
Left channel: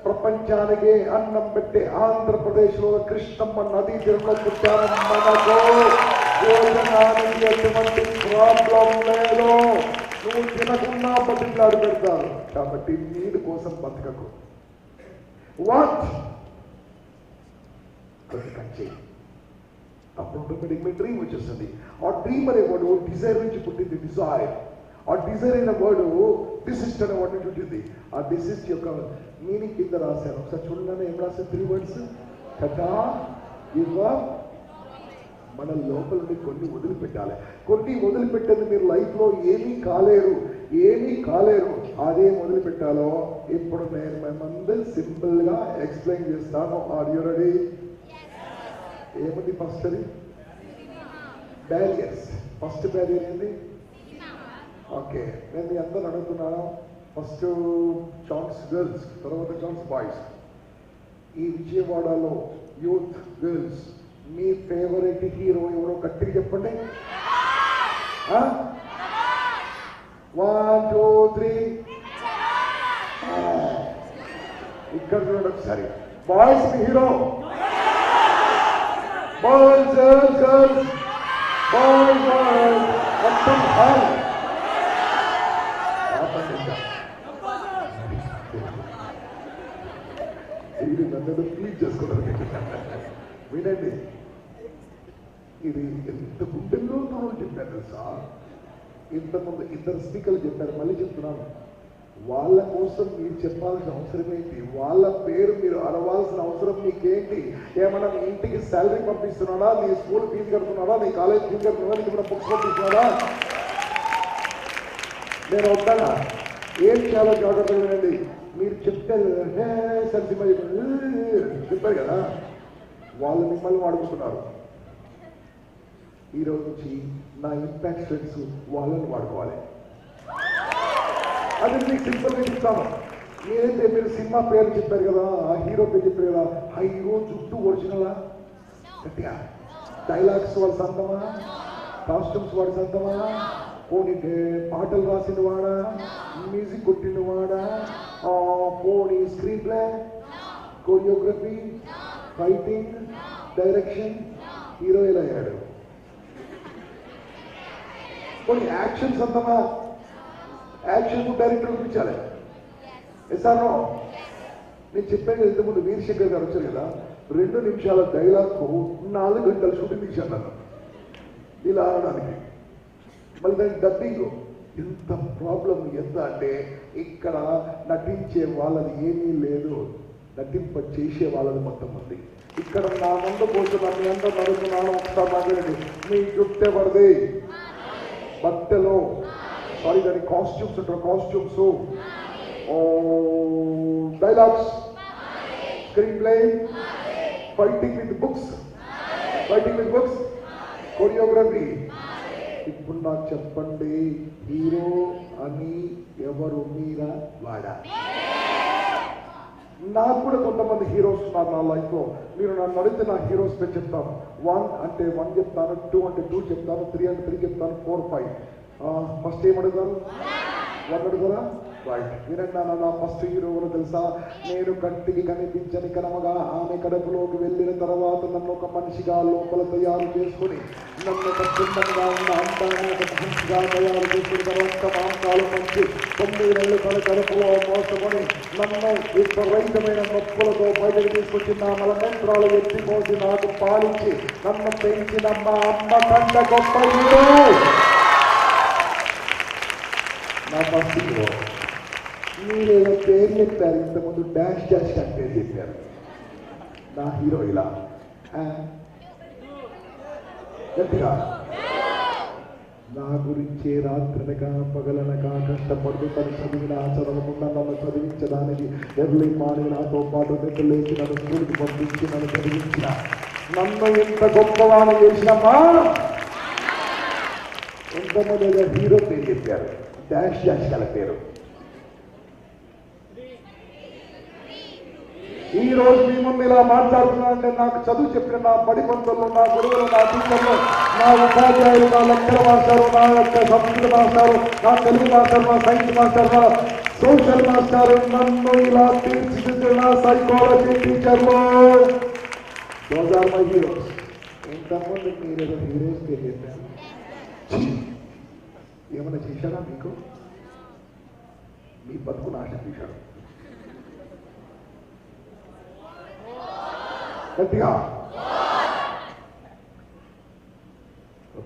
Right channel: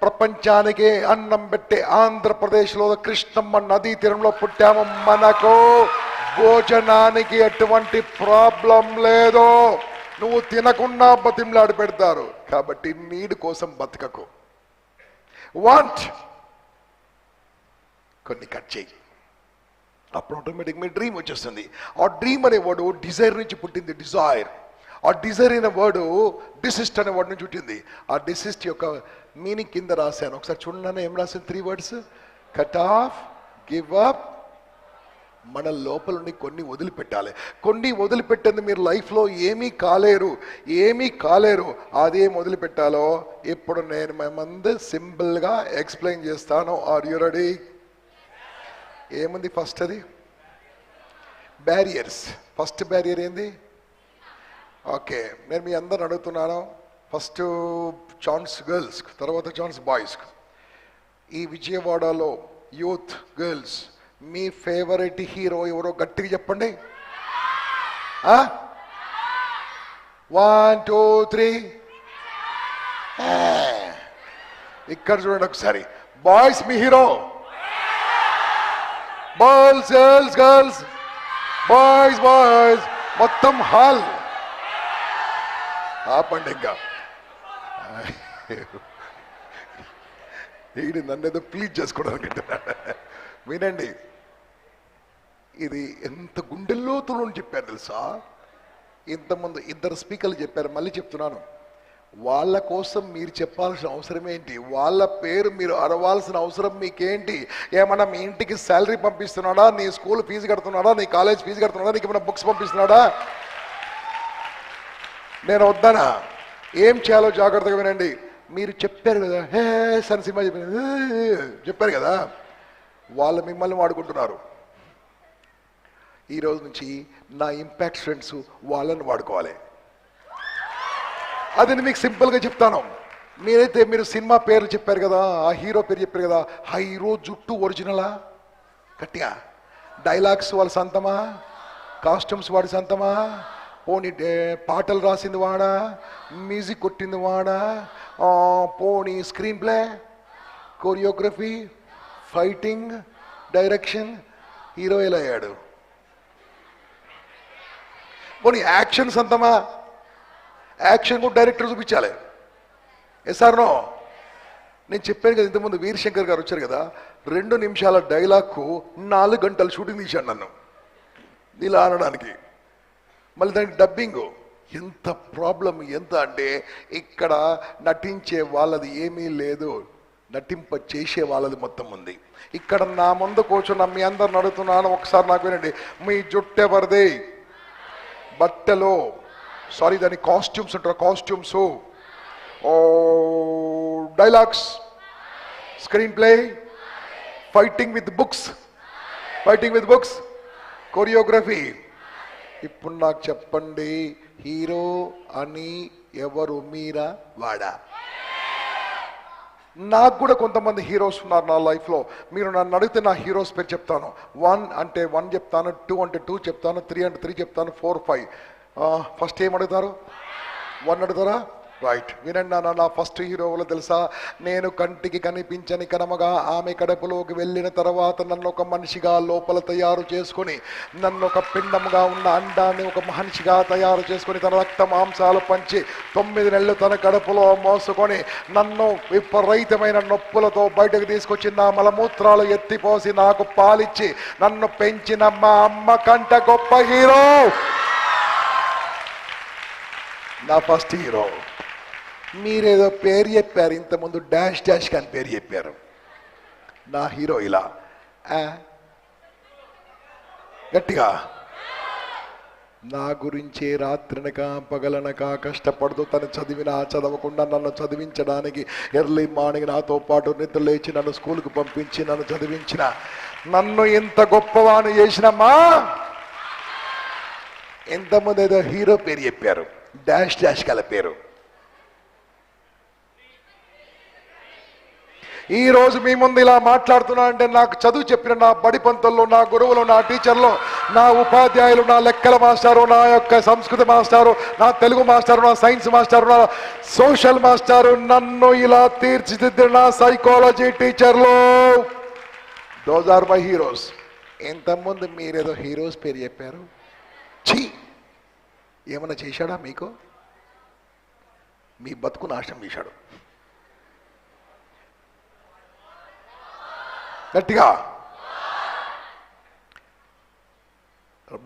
ప్రపంచానికి అన్నం పెట్టే ఆంధ్రప్రదేశ్లో కృష్ణమ్మ నదీ తీరంలో పుట్టాము. మనకు భోజనానికి ఎటువంటి ప్రాబ్లం లేదు. నువ్వు తినకుండా బతిమలాడి పెడతారు. కాబట్టి నీడ్ కోసం బతకకు. వాట్ కొన్ని కట్ చేయి, అప్పుడు ఆటోమేటిక్ మీ డ్రీమ్ వచ్చేస్తుంది. ఆ డ్రీమ్ అనే వర్డ్ డిజైర్ నుంచి పుట్టింది. డిజైర్. ఆ డిజైర్ అనే వర్డ్ డిసిస్ట్ అనే వర్డ్ నుంచి పుట్టింది. ఆ డిసిస్ట్ యొక్క మీనింగ్ కింద రాశాను, ఒకసారి చూడండి. ఏం రాశాను? 3 words: cut off, give up. మన లోపల కొన్ని వదిలిపెట్టాలి. కొన్ని వదిలిపెట్టేది మీరు లైఫ్లో ఏమీ కాలేరు. అదేం వదిలిపెట్టాలో ఇప్పుడు నేను ముందు సింపుల్గా ఎక్స్ప్లెయిన్ చేస్తాను. Are you ready? ఏముంది ఫస్ట్? అది బ్యారియర్స్. ఫస్ట్ బ్యారియర్ ఏంది? ఓకే, నేను మీ అందరు అడుగుతున్నాను. ఫస్ట్ ఛాన్స్ గర్ల్స్, తర్వాత ఛాన్స్ బాయ్స్. ఈ విజయవాడలో యూత్ గర్ల్స్ మీ ఫేవరెట్ హీరో ఎవరో గట్టిగా చెప్పండి. 1 2 3. ఇక్కడ చూడండి ఒకసారి. బాయ్స్ మీ హీరో, బాయ్స్ గర్ల్స్, బాయ్స్ మొత్తం హాల్ ఆపండి. ఇంకా నన్ను ప్లీజ్ చేసుకోవడానికి వినండి. ఇది ఎంత గుండెల్లోతో చెప్పారు తెలుసా? ఇంతకుముందు 2 స్పీకర్లు చెప్పారు, మళ్ళీ చెప్తున్నాను. వాళ్ళ కోసం మీరు చెప్పాల్సిన అవసరం ఏంటి? వాళ్ళ పేరు మీరు అరవాల్సిన అవసరం మీకేంటి? ఏమన్నా మీ ఇంటికి శాలరీ పంపిస్తున్నాడా? నీ స్కూల్ ఫీజు కడుతున్నాడా? నీ కాలేజ్ ఫీజు కడుతున్నాడా? నీకు ఏమైనా బుక్స్ పంపిస్తున్నాడా? నేను వద్దానా? ఏం చేయాలో జాగ్రత్తగా వినండి. మీరు చెప్పారు కదా, సరే సినిమా చెప్పారు కదా, వాళ్ళు మిమ్మల్ని వాడుకుంటున్నారు. ఈరోజు నుంచి నా ఇంపాక్ట్ ఫ్రెండ్స్ వాళ్ళని వాడుకోవాలి. అది మీకు సింపుల్గా చెప్తాను. మీరు సినిమా పేరు చెప్పారు కదా, ఆ హీరో పేరు చెప్పారు కదా, హీరో జుట్టు ఒరిజినలా? గట్టిగా. డైలాగ్స్ వాడి సొంతమా? కాస్ట్యూమ్స్ వాడి సొంతమా? పోనీ పాటలు రాసింది వాడా? మ్యూజిక్ కొట్టింది వాడా? పోనీ screenplay, choreography, fighting, direction hero ఎలా అయ్యాడు? పోనీ యాక్షన్ సొంతమా? యాక్షన్ కూడా డైరెక్టర్ చూపించాలి. Sir no? నేను చెప్పాను కదా ఇంతకుముందు, వీరశంకర్ గారు వచ్చారు కదా, 2 నిమిషాల డైలాగ్కు 4 గంటలు షూటింగ్ తీశాడు నన్ను ఇలా ఆడడానికి. మళ్ళీ దానికి డబ్బింగ్. ఎంత ప్రాబ్లం ఎంత అంటే, ఇక్కడ నటించే వాళ్ళది ఏమీ లేదు, నటింప చేసే వాళ్ళది మొత్తం ఉంది. ఇక్కడ నా ముందు కూర్చొని మీ అందరు నడుతున్నాను, ఒకసారి నాకు వినండి. మీ జుట్టు ఎవరిది? బట్టలు, సారీ దాని కాస్ట్యూమ్స్ అంటారు, costumes, dialogues, screen play, fighting with books, choreography. ఇప్పుడు నాకు చెప్పండి, హీరో అని ఎవరు? మీరా వాడా? నాకు కూడా కొంతమంది హీరోస్ ఉన్నారు నా లైఫ్లో. మీరు నన్ను అడిగితే నా హీరోస్ పేరు చెప్తాను. 1 అంటే 1 చెప్తాను, 2 అంటే 2 చెప్తాను, 3 అంటే 3 చెప్తాను, 4, 5. ఫస్ట్ ఏం అడుగుతారు? 1 అడుగుతారా? రైట్, వినండి. నా ఫస్ట్ హీరోలు తెలుసా? నేను కంటికి కనిపించని కనమగా ఆమె కడుపులోకి వెళ్ళిన తర్వాత నన్ను ఒక మనిషిగా లోపల తయారు చేసుకొని, నన్ను ఒక పిండంగా ఉన్న అండాన్ని ఒక మనిషిగా తయారు చేసుకుని, తర్వాత మాంసాలు మంచి 9 నెలలు తన కడుపులో మోసుకొని నన్ను విపరీతమైన నొప్పులతో బయటకు తీసుకొచ్చి నా మలమూత్రాలు ఎత్తిపోసి నాకు పాలిచ్చి నన్ను పెంచిన మా అమ్మ కంట గొప్ప హీరో నా ఫస్ట్ హీరో. మీరేదో పేరు చెప్పారు ఇంతకుముందు, డాష్ కానీ పేరు చెప్పారు. నా హీరో ఇలా గట్టిగా నా గురించి రాత్రనక పగలనక కష్టపడుతూ తను చదవకుండా నన్ను చదివించడానికి ఎర్లీ మార్నింగ్ నాతో పాటు నిద్ర లేచి నన్ను స్కూల్కి పంపించి నన్ను చదివించిన, నన్ను ఇంత గొప్పవాణి చేసినమ్మా. ఇంతకుముందు ఏదో హీరో పేరు చెప్పారు, డాష్ గల పేరు. ఈ రోజు మీ ముందు ఇలా మాట్లాడుతున్నా అంటే నాకు చదువు చెప్పిన నా బడి పంతుల్లో, నా గురువులు, నా టీచర్లు, నా ఉపాధ్యాయులు, నా లెక్కల మాస్టారు, నా యొక్క సంస్కృత మాస్టారు, నా తెలుగు మాస్టారు, నా సైన్స్ మాస్టారు, నా సోషల్ మాస్టారు, నన్ను ఇలా తీర్చిదిద్దిన నా సైకాలజీ టీచర్లు, దోస్ ఆర్ మై హీరోస్. ఇంతకుముందు మీరేదో హీరోస్ పేరు చెప్పారు. ఛీ, ఏమన్నా చేశాడా మీకు? మీ బతుకు నాశనం చేశాడు. గట్టిగా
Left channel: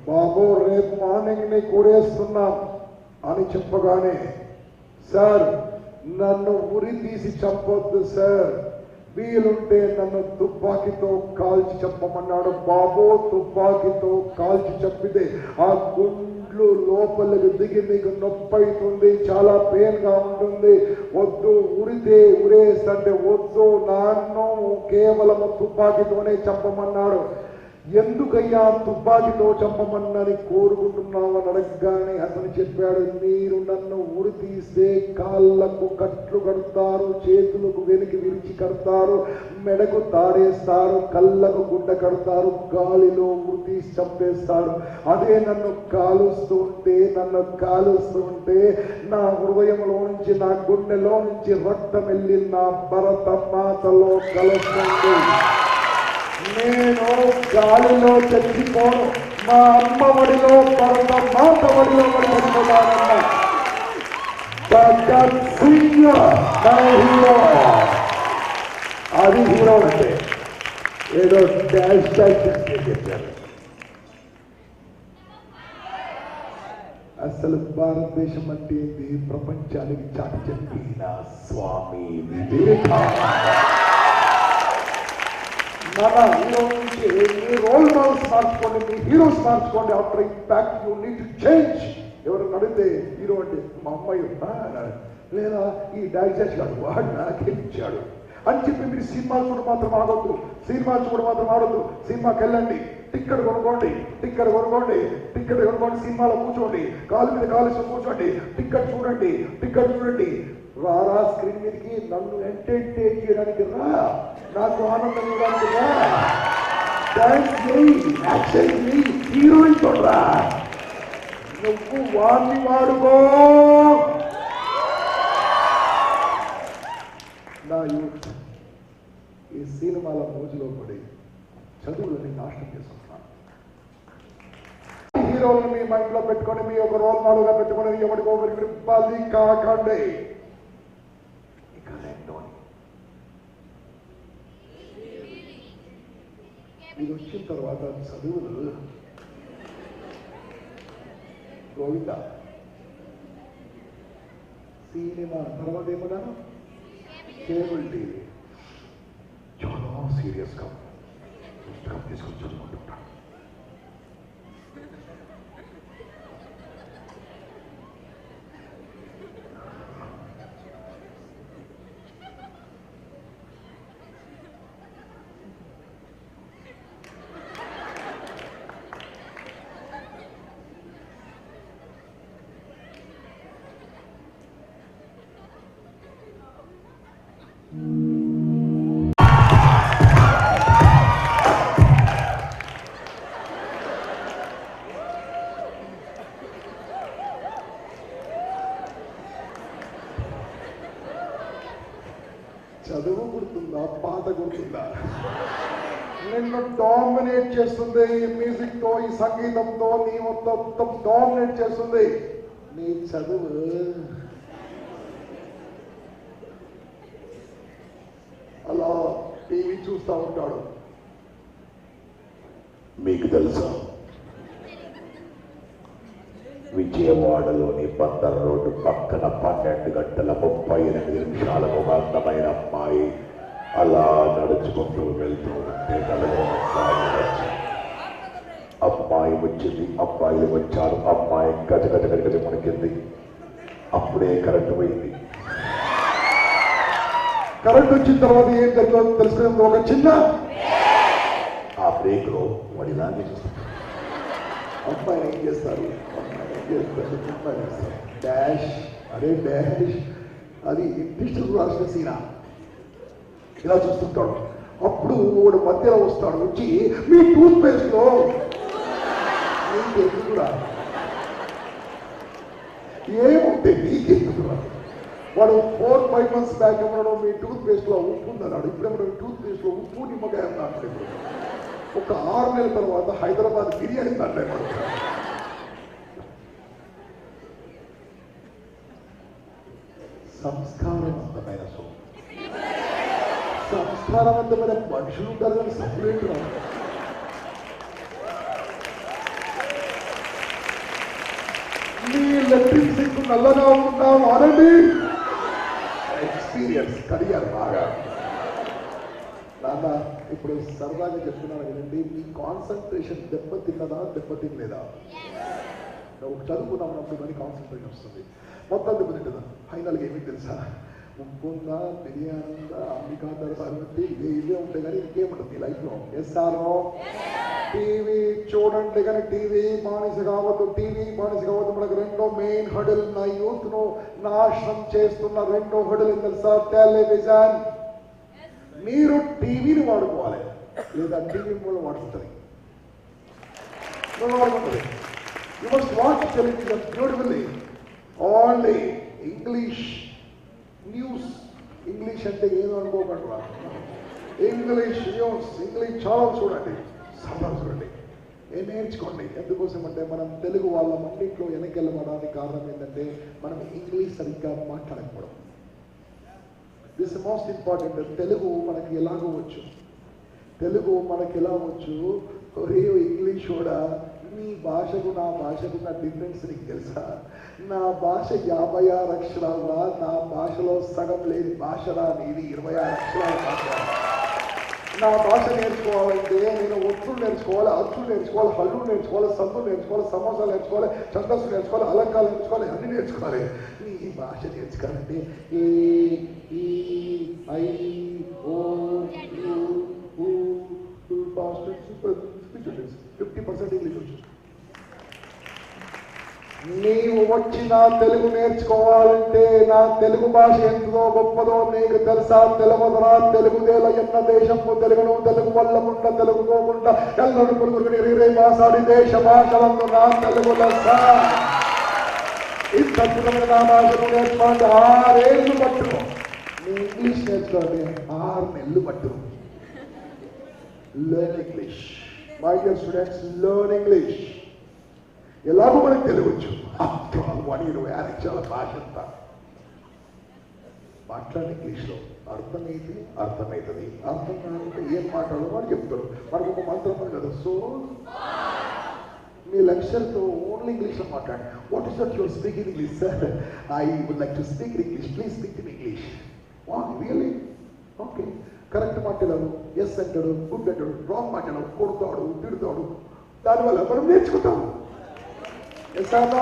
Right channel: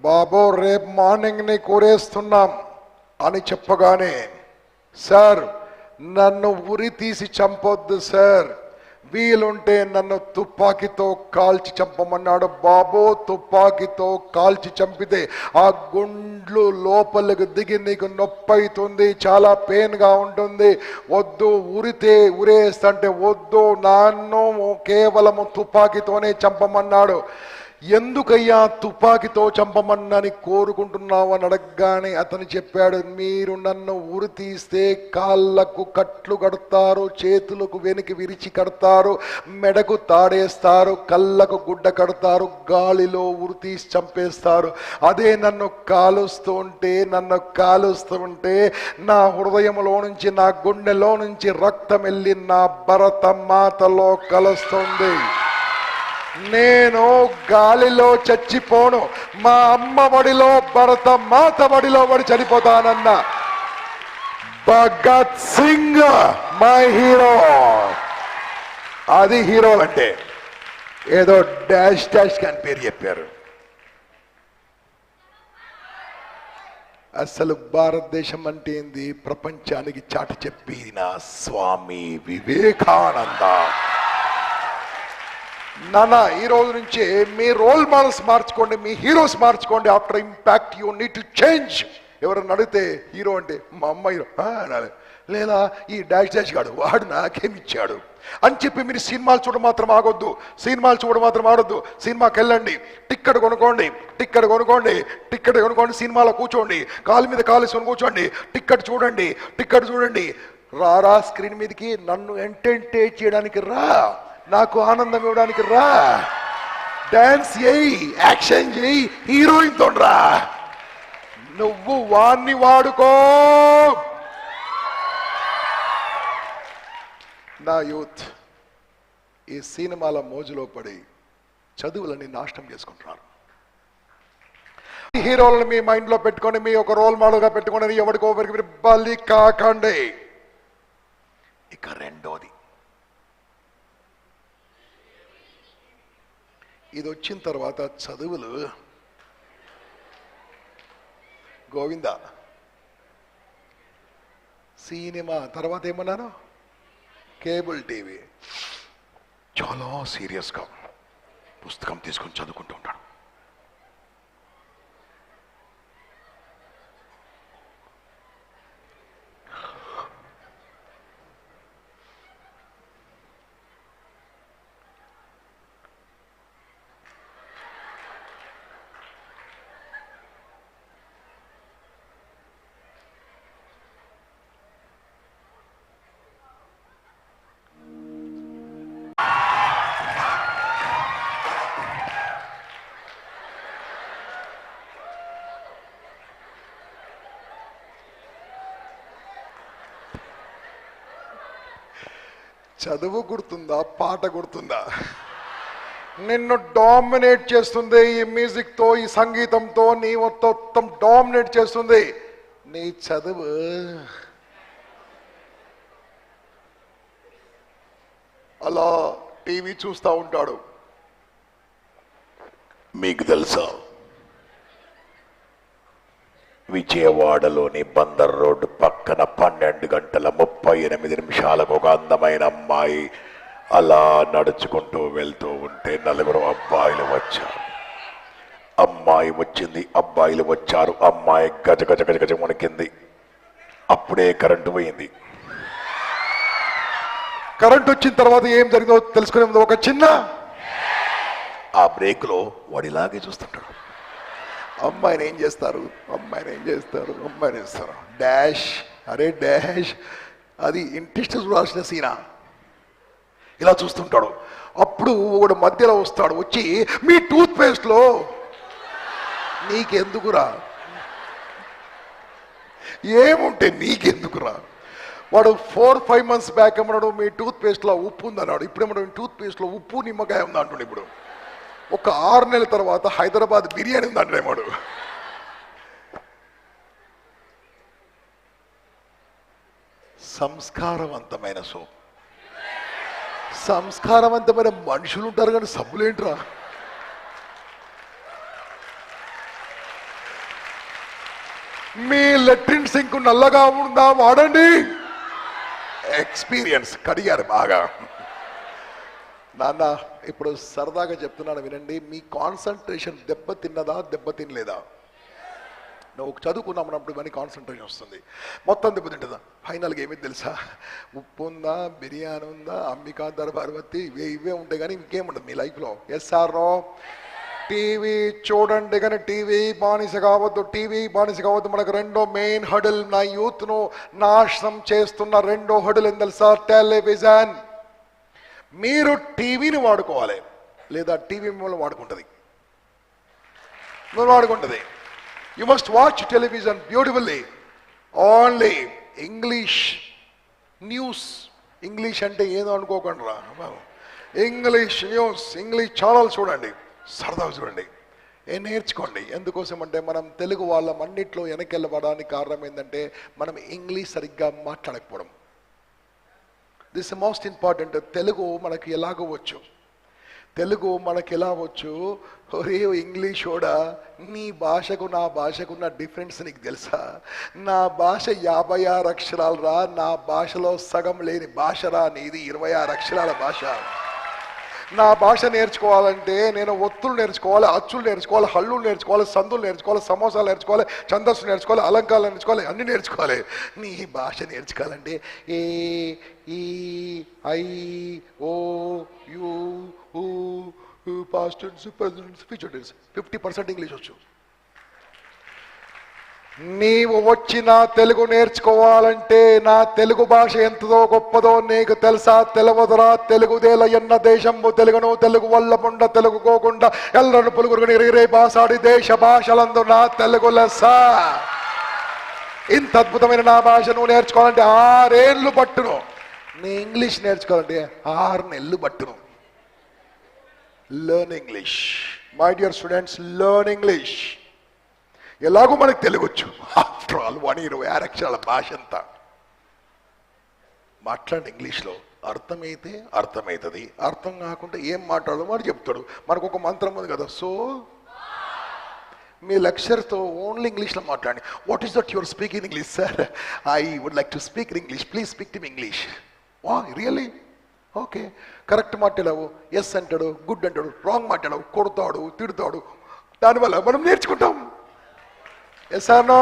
బాబు రేపు మార్నింగ్ ని కూరేస్తున్నాం అని చెప్పగానే, సార్ నన్ను ఉరి తీసి చంపొద్దు సార్, వీలుంటే నన్ను తుపాకీతో కాల్చి చంపమన్నాడు. బాబు తుంపాకీతో కాల్చి చంపితే ఆ గుండ్లు లోపలికి దిగి నీకు నొప్పి అవుతుంది, చాలా పెయిన్గా ఉంటుంది, వద్దు, ఉరేస్తంటే వద్దు, నన్ను కేవలము తుపాకీతోనే చంపమన్నాడు. ఎందుకయ్యా తుపాకీతో చంపమన్నని కోరుకుంటున్నావు అని అడగగానే అతను చెప్పాడు, మీరు నన్ను ఉరి తీస్తే కాళ్ళకు కట్లు కడతారు, చేతులకు వెనక్కి విరిచి కడతారు, మెడకు తాడేస్తారు, కళ్ళకు గుడ్డ కడతారు, గాలిలో ఉరి తీసి చంపేస్తారు. అదే నన్ను కాలుస్తూ ఉంటే నా హృదయంలో నుంచి, నా గుండెలో నుంచి రక్తం వెళ్ళి నా భరత మాతలో కలుస్తుంది. నేను గాలిలో చచ్చిపోను, మా అమ్మ ఒడిలో, భరత మాత ఒడిలో కూడా చనిపోతానన్న భగత్ సింగ్ మై హీరో. అది హీరో అంటే. ఏదో డాష్ అని పేరు చెప్పారు. అసలు భారతదేశం అంటే ఏంది ప్రపంచానికి చాటి చెప్పిన స్వామి వివేకానంద. నాన్న, ఈ రోజు నుంచి మీ రోల్ మోడల్స్ మార్చుకోండి, మీ హీరోస్ మార్చుకోండి. After impact you need to change ఎవరన్నా అడిగితే హీరో అంటే మా అమ్మాయి అనాలి, లేదా ఈ డాష్ గాడు వాడు నాకేమిచ్చాడు అని చెప్పి మీరు సినిమాలు చూడ మాత్రం ఆగొద్దు, సినిమాలు చూడ మాత్రం ఆడొద్దు. సినిమాకి వెళ్ళండి, టిక్కెట్ కొనుక్కోండి, సినిమాలో కూర్చోండి, కాలు మీద కాలేసుకొని కూర్చోండి, టిక్కెట్ చూడండి. రారా స్క్రీన్ మీదకి, నన్ను ఎంటర్టైన్ చేయడానికి రా, నాకు ఆనందం ఇవ్వడానికి రా, డాన్స్ చేయి, యాక్షన్ చేయి, హీరోయిన్తో రా. నువ్వు వాడిని వాడుకో. నా యూత్ ఈ సినిమాల మోజులో పడి చదువులని నాశనం చేసుకుంటున్నారు. హీరోలను మీ మైండ్లో పెట్టుకొని మీ ఒక రోల్ మోడల్గా పెట్టుకుని ఎవరికో ఒకరికి బలి కాకండి. ఇక రెండోది, ఇది వచ్చిన తర్వాత చదువులు గోవిందా. సినిమా తర్వాత ఏమన్నారు? Cable TV. చాలా సీరియస్గా పుస్తకం తీసుకొని చదువుకుంటూ ఉంటాడు. చదువు గుర్తుందా, పాట గుర్తుందా? నిన్ను డామినేట్ చేస్తుంది ఈ మ్యూజిక్తో, ఈ సంగీతంతో, నీ మొత్తం డామినేట్ చేస్తుంది నీ చదువు. అలా టీవీ చూస్తూ ఉంటాడు. మీకు తెలుసా, విజయవాడలోని బందర్ రోడ్డు పక్కన 12 గంటల 38 నిమిషాలకు ఒక అందమైన అమ్మాయి అలా నడుచుకుంటూ వెళ్తూ ఉంటే 4 అబ్బాయిలు వచ్చారు. అమ్మాయి వచ్చింది, అబ్బాయిలు వచ్చారు. అమ్మాయి గజ గజ గజ గజ మునికింది. అప్పుడే కరెంటు పోయింది. కరెంట్ వచ్చిన తర్వాత ఏం జరిగిందో తెలుసుకునే ముందు ఒక చిన్న ఆ బ్రేక్లో వాడు ఇలాగే చూస్తుంటాడు. అమ్మాయిని ఏం చేస్తారు, డాష్, అరే డాష్, అది ఇంట్రెస్ట్ రాసిన సీనా. ఇలా చూస్తుంటాడు. అప్పుడు వాడు మధ్యలో వస్తాడు, వచ్చి మీ టూత్ పేస్ట్లో నీకెందుకురా, ఏముంటే నీకెందుకురా. వాడు 4-5 months బ్యాక్ అన్నాడు మీ టూత్ పేస్ట్లో ఉప్పు ఉందన్నాడు. ఇప్పుడు ఏమన్నా టూత్ పేస్ట్లో ఉప్పు నిమ్మకాయ ఉందా అంటాడు. ఇప్పుడు ఒక 6 నెలల తర్వాత హైదరాబాద్ బిర్యానీ ఉందంటే వాడు. సంస్కారవంతమైన సంస్కారవంతమైన మనుషులు ఉంటారు కానీ సబ్బులేంట్రా. మీ లెట్రిన్ సింక్ నల్లగా ఉందా వాడండి. ఎక్స్పీరియన్స్ కడిగారు బాగా. నాన్న ఇప్పుడు సరదాగా చెప్తున్నాను వినండి, మీ కాన్సన్ట్రేషన్ దెబ్బతినలేదా? నువ్వు చదువుకున్నప్పుడు కానీ కాన్సన్ట్రేషన్ వస్తుంది, మొత్తం దెబ్బతింటుందా? ఫైనల్గా ఏమైంది తెలుసా? ఉప్పు ఉందా, బిర్యానీ ఉందా, అంబికా దర్బార్వతి, ఇవే ఉంటాయి కానీ ఇంకేముండదు మీ లైఫ్లో. Yes are no? టీవీ చూడండి కానీ టీవీ బానిస కావద్దు. మనకు రెండో మెయిన్ హడల్, నా యూత్ను నాశనం చేస్తున్న రెండో హడల్ ఏం తెలుసా? టెలివిజన్. మీరు టీవీని వాడుకోవాలి, లేదా టీవీ మిమ్మల్ని వాడుకుంటుంది. You must watch television beautifully. Only English news. English అంటే ఏదో అనుకోకండి రా. ఇంగ్లీష్ న్యూస్, ఇంగ్లీష్ ఛానల్ చూడండి, సరదాగా చూడండి, నేర్చుకోండి. ఎందుకోసం అంటే మనం తెలుగు వాళ్ళం అన్నింటిలో వెనకెళ్ళబడడానికి కారణం ఏంటంటే మనం ఇంగ్లీష్ సరిగ్గా మాట్లాడకపోవడం. This is most important. Telugu మనకి ఎలాగో వచ్చు, ఒరే ఇంగ్లీష్ కూడా నీ భాషకు నా భాషకున్న డిఫరెన్స్ నీకు తెలుసా? నా భాష 56 అక్షరాలు రా, నా భాషలో సగం లేని భాష రా నీది 26 అక్షరాల భాష. నా భాష నేర్చుకోవాలంటే నేను ఒత్తులు నేర్చుకోవాలి, అచ్చులు నేర్చుకోవాలి, హల్లులు నేర్చుకోవాలి, సందులు నేర్చుకోవాలి, సమోసాలు నేర్చుకోవాలి, ఛందస్సు నేర్చుకోవాలి, అలంకారాలు నేర్చుకోవాలి, అన్నీ నేర్చుకోవాలి. నీ భాష నేర్చుకోవాలంటే A E I O U ఊ past tense, present, future tense. 50% English వచ్చు. నీవు వచ్చిన తెలుగు నేర్చుకోవాలంటే నా తెలుగు భాష ఎంతదో గొప్పదో నీకు తెలుసా? తెలుగుదరా? తెలుగుదేల ఎన్న దేశము తెలుగును, తెలుగు వల్లకుండా తెలుగుకోకుండా ఎల్లరు పులుగురుని రే భాషాడి దేశ భాషలందు నా తెలుగు లెస్స. ఇంత అద్భుతమైన నా భాష నువ్వు నేర్చుకోవాలంటే 6 ఏళ్ళు పట్టును. నీ ఇంగ్లీష్ నేర్చుకోవాలంటే 6 నెలలు పట్టును. Learn English my dear students, learn English. ఎలాగో మనకు తెలియవచ్చు. ఆఫ్టర్ ఆల్ 120 అక్షరాల భాష అంతా మాట్లాడి ఇంగ్లీష్లో అర్థమైతే అర్థమవుతుంది, అర్థం కాకుండా ఏం మాట్లాడదు వాడు చెప్తాడు. మనకు ఒక మంత్రం ఉంది కదా, సో మీ లెక్చర్తో ఓన్లీ ఇంగ్లీష్లో మాట్లాడి. What is that your speak in English? Sir I would like to speak in English, please speak to English. Wow really? Okay, correct మాట్లాడావు, ఎస్ అంటాడు, గుడ్ అంటాడు, రాంగ్ మాట్లాడావు, కొడతాడు, తిడతాడు. దానివల్ల మనం నేర్చుకుంటాం. ఎస్ అన్నో,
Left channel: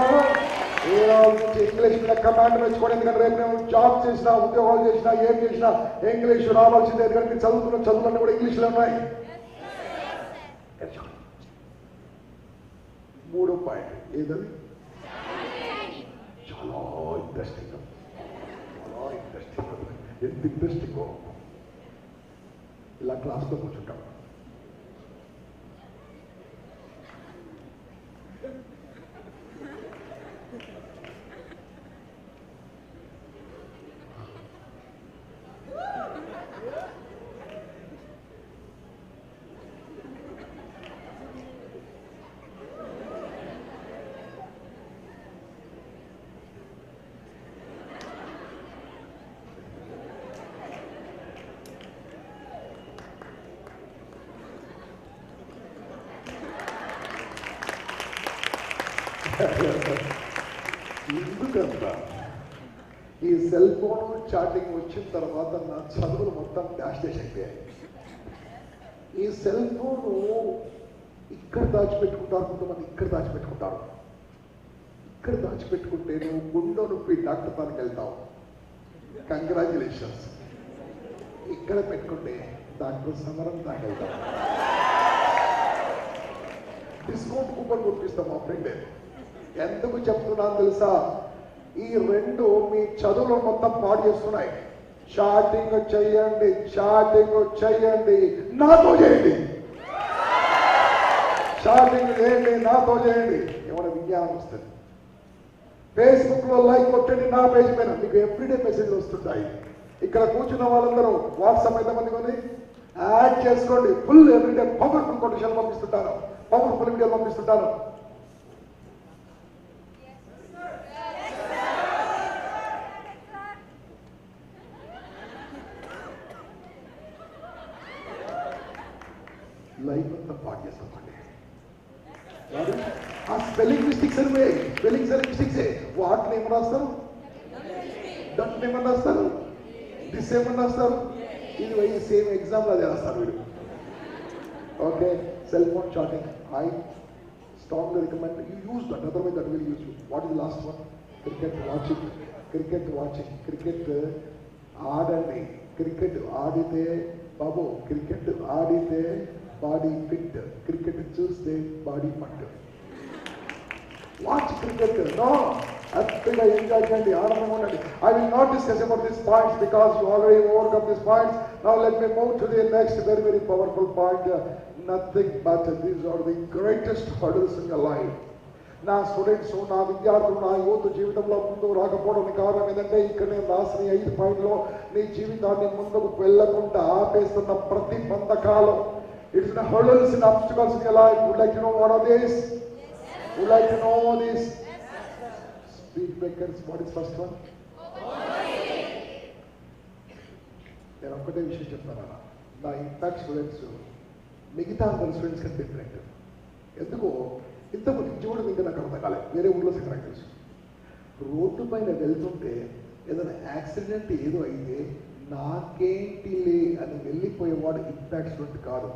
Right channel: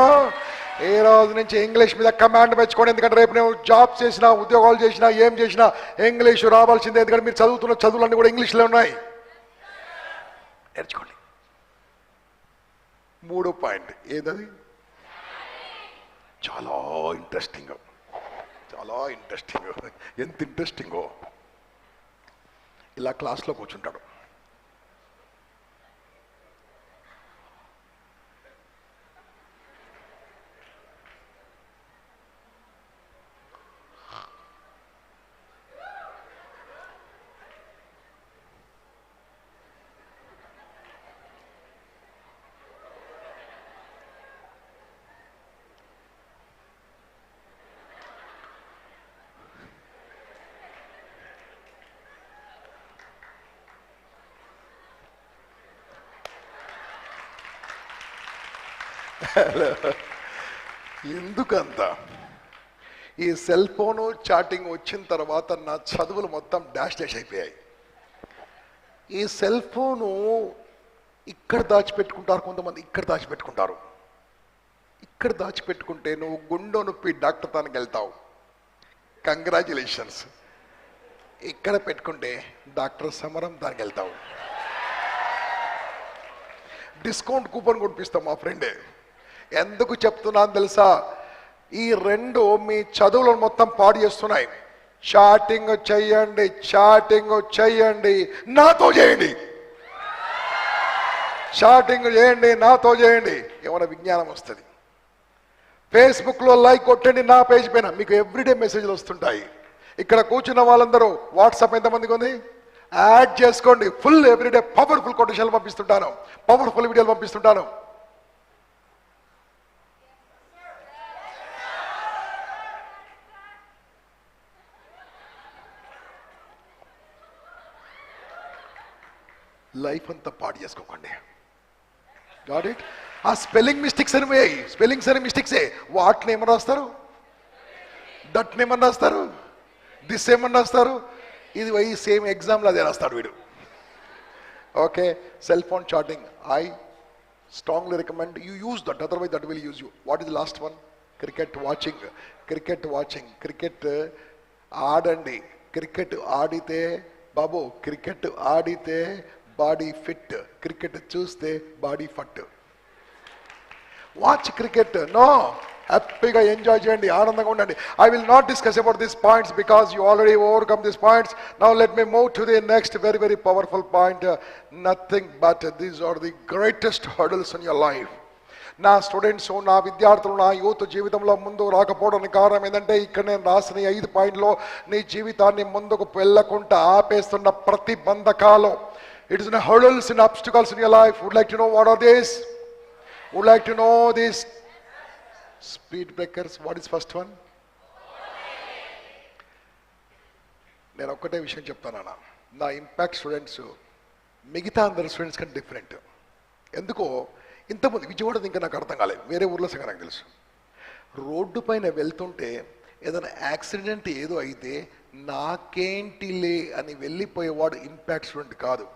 ఈ రోజు నుంచి ఇంగ్లీష్ మీద కమాండ్ పెంచుకోండి. ఎందుకంటే రేపు నేను జాబ్ చేసినా, ఉద్యోగాలు చేసినా, ఏం చేసినా ఇంగ్లీష్ రావాల్సిందే. ఎందుకంటే మీరు చదువుతున్న చదువులన్నీ కూడా ఇంగ్లీష్లో ఉన్నాయి. నేర్చుకోండి. 3 పాయింట్ ఏదది? చాలా ఇంట్రెస్టింగ్, చాలా ఇంట్రెస్టింగ్. ఎంత ఇంట్రెస్టింగో, ఇలా క్లాస్లో కూర్చుంటాడు. ఎందుకంత ఈ సెల్ ఫోను చాటింగ్ వచ్చిన తర్వాత నా చదువులు మొత్తం డాష్ అయిపోయాయి. ఈ సెల్ ఫోను ఇక్కడ దాచిపెట్టుకుంటారు కొంతమంది, ఇక్కడ దాచిపెట్టుకుంటారు. ఇక్కడ దాచిపెట్టుకుంటే నువ్వు గుండె నొప్పి డాక్టర్ దానికి వెళ్తావు, కంగ్రాచులేషన్స్. ఇక్కడ పెట్టుకుంటే డాక్టర్ సమరం దానికి వెళ్తావు. డిస్కౌంట్ కూపన్ కొట్టిస్తాం మా ఫ్రెండే. ఎందుకు చెప్తున్నాను తెలుసా? ఈ 2 మీ చదువులను మొత్తం పాడు చేస్తున్నాయి. చాటింగ్ చెయ్యండి, చాటింగ్ చెయ్యండి, నాతో చేయండి. చాటింగ్ చేయండి, నాతో చేయండి, ఏమైనా విజ్ఞానం వస్తుంది. ఫేస్బుక్లో లైక్ కొట్టండి, నా పేజ్ పైన మీకు ఎవ్రీడే మెసేజ్లు వస్తుంటాయి. ఇక్కడ కూర్చున్న వాళ్ళందరూ వాట్సాప్ ఎంతమందికి ఉంది? యాడ్ చేసుకోండి. ఫుల్ ఎవ్రీడే పవర్ఫుల్ కొటేషన్లు పంపిస్తుంటాను, పవర్ఫుల్ వీడియోలు పంపిస్తుంటాను. లైఫ్ అంతా పాడు చేసుకోకండి. ఆ స్పెల్లింగ్ మిస్టేక్స్ అని స్పెల్లింగ్స్ అని మిస్టేక్సే. వాటిని ఏమని రాస్తారు? దట్ని ఏమని రాస్తారు? దిస్ ఏమని రాస్తారు? ఇది పోయి సేమ్ ఎగ్జామ్లో అదే రాస్తాడు వీడు. Okay, cell phone chatting I strongly recommend you use that, otherwise that will use you. What is last one? Cricket watching. Cricket watching, cricket ఆడండి. క్రికెట్ ఆడితే బాబు, క్రికెట్ ఆడితే బాడీ ఫిట్, క్రికెట్ చూస్తే బాడీ ఫట్. Watch cricket, no, హ్యాపీగా enjoy చేయండి, ఆనందంగా ఉండండి. I will not discuss about these points because you already overcome these points. Now let me move to the next very very powerful point. Nothing but these are the greatest hurdles in your life. నా students, నా విద్యార్థులు, నా youth జీవితంలో ముందు రాకపోవడానికి కారణం ఏంటంటే ఇక్కడ నేను రాసిన 5 పాయింట్లో నీ జీవితాన్ని ముందుకు వెళ్ళకుండా ఆపేస్తున్న ప్రతిబంధకాలు. It is the hurdles and obstacles in your life. Would like to know what are these? Would like to know these? Speed breakers. What is first one? నేను ఒక్కటే విషయం చెప్తానన్నా, నా ఇంపాక్ట్ స్టూడెంట్స్ మిగతా అందరి స్టూడెంట్స్ కంటే డిఫరెంట్. ఎందుకో ఇంతమంది విజయవాడ ఇంకా నాకు అర్థం కాలేదు, వేరే ఊర్లో సగం నాకు తెలుసు. రోడ్డు పైన వెళ్తుంటే ఏదైనా యాక్సిడెంట్ ఏదో అయితే నాకేంటిలే అని వెళ్ళిపోయేవాడు ఇంపాక్ట్ స్టూడెంట్ కాదు.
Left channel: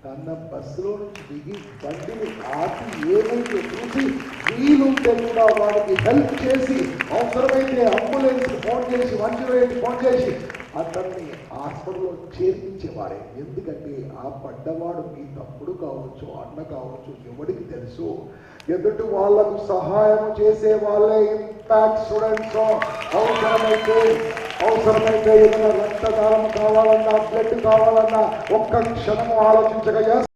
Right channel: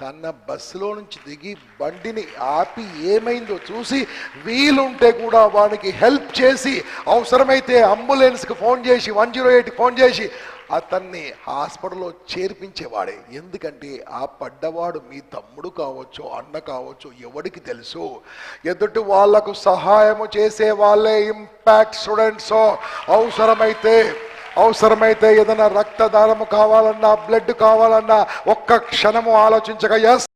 తన బస్సులో నుంచి దిగి బండిని ఆపి ఏమైందో చూసి వీలుంటే కూడా వానికి హెల్ప్ చేసి, అవసరమైతే అంబులెన్స్కి ఫోన్ చేసి 108 ఫోన్ చేసి అతన్ని హాస్పిటల్లో చేర్పించేవాడే. ఎందుకంటే ఆ పడ్డవాడు మీ తమ్ముడు కావచ్చు, అన్న కావచ్చు, ఎవరికి తెలుసు. ఎదుటి వాళ్లకు సహాయము చేసే వాళ్ళే ఇంపాక్ట్ స్టూడెంట్స్. అవసరమైతే ఏదైనా రక్తదానము కావాలన్నా, బ్లడ్ కావాలన్నా ఒక్క క్షణము ఆలోచించగా ఎస్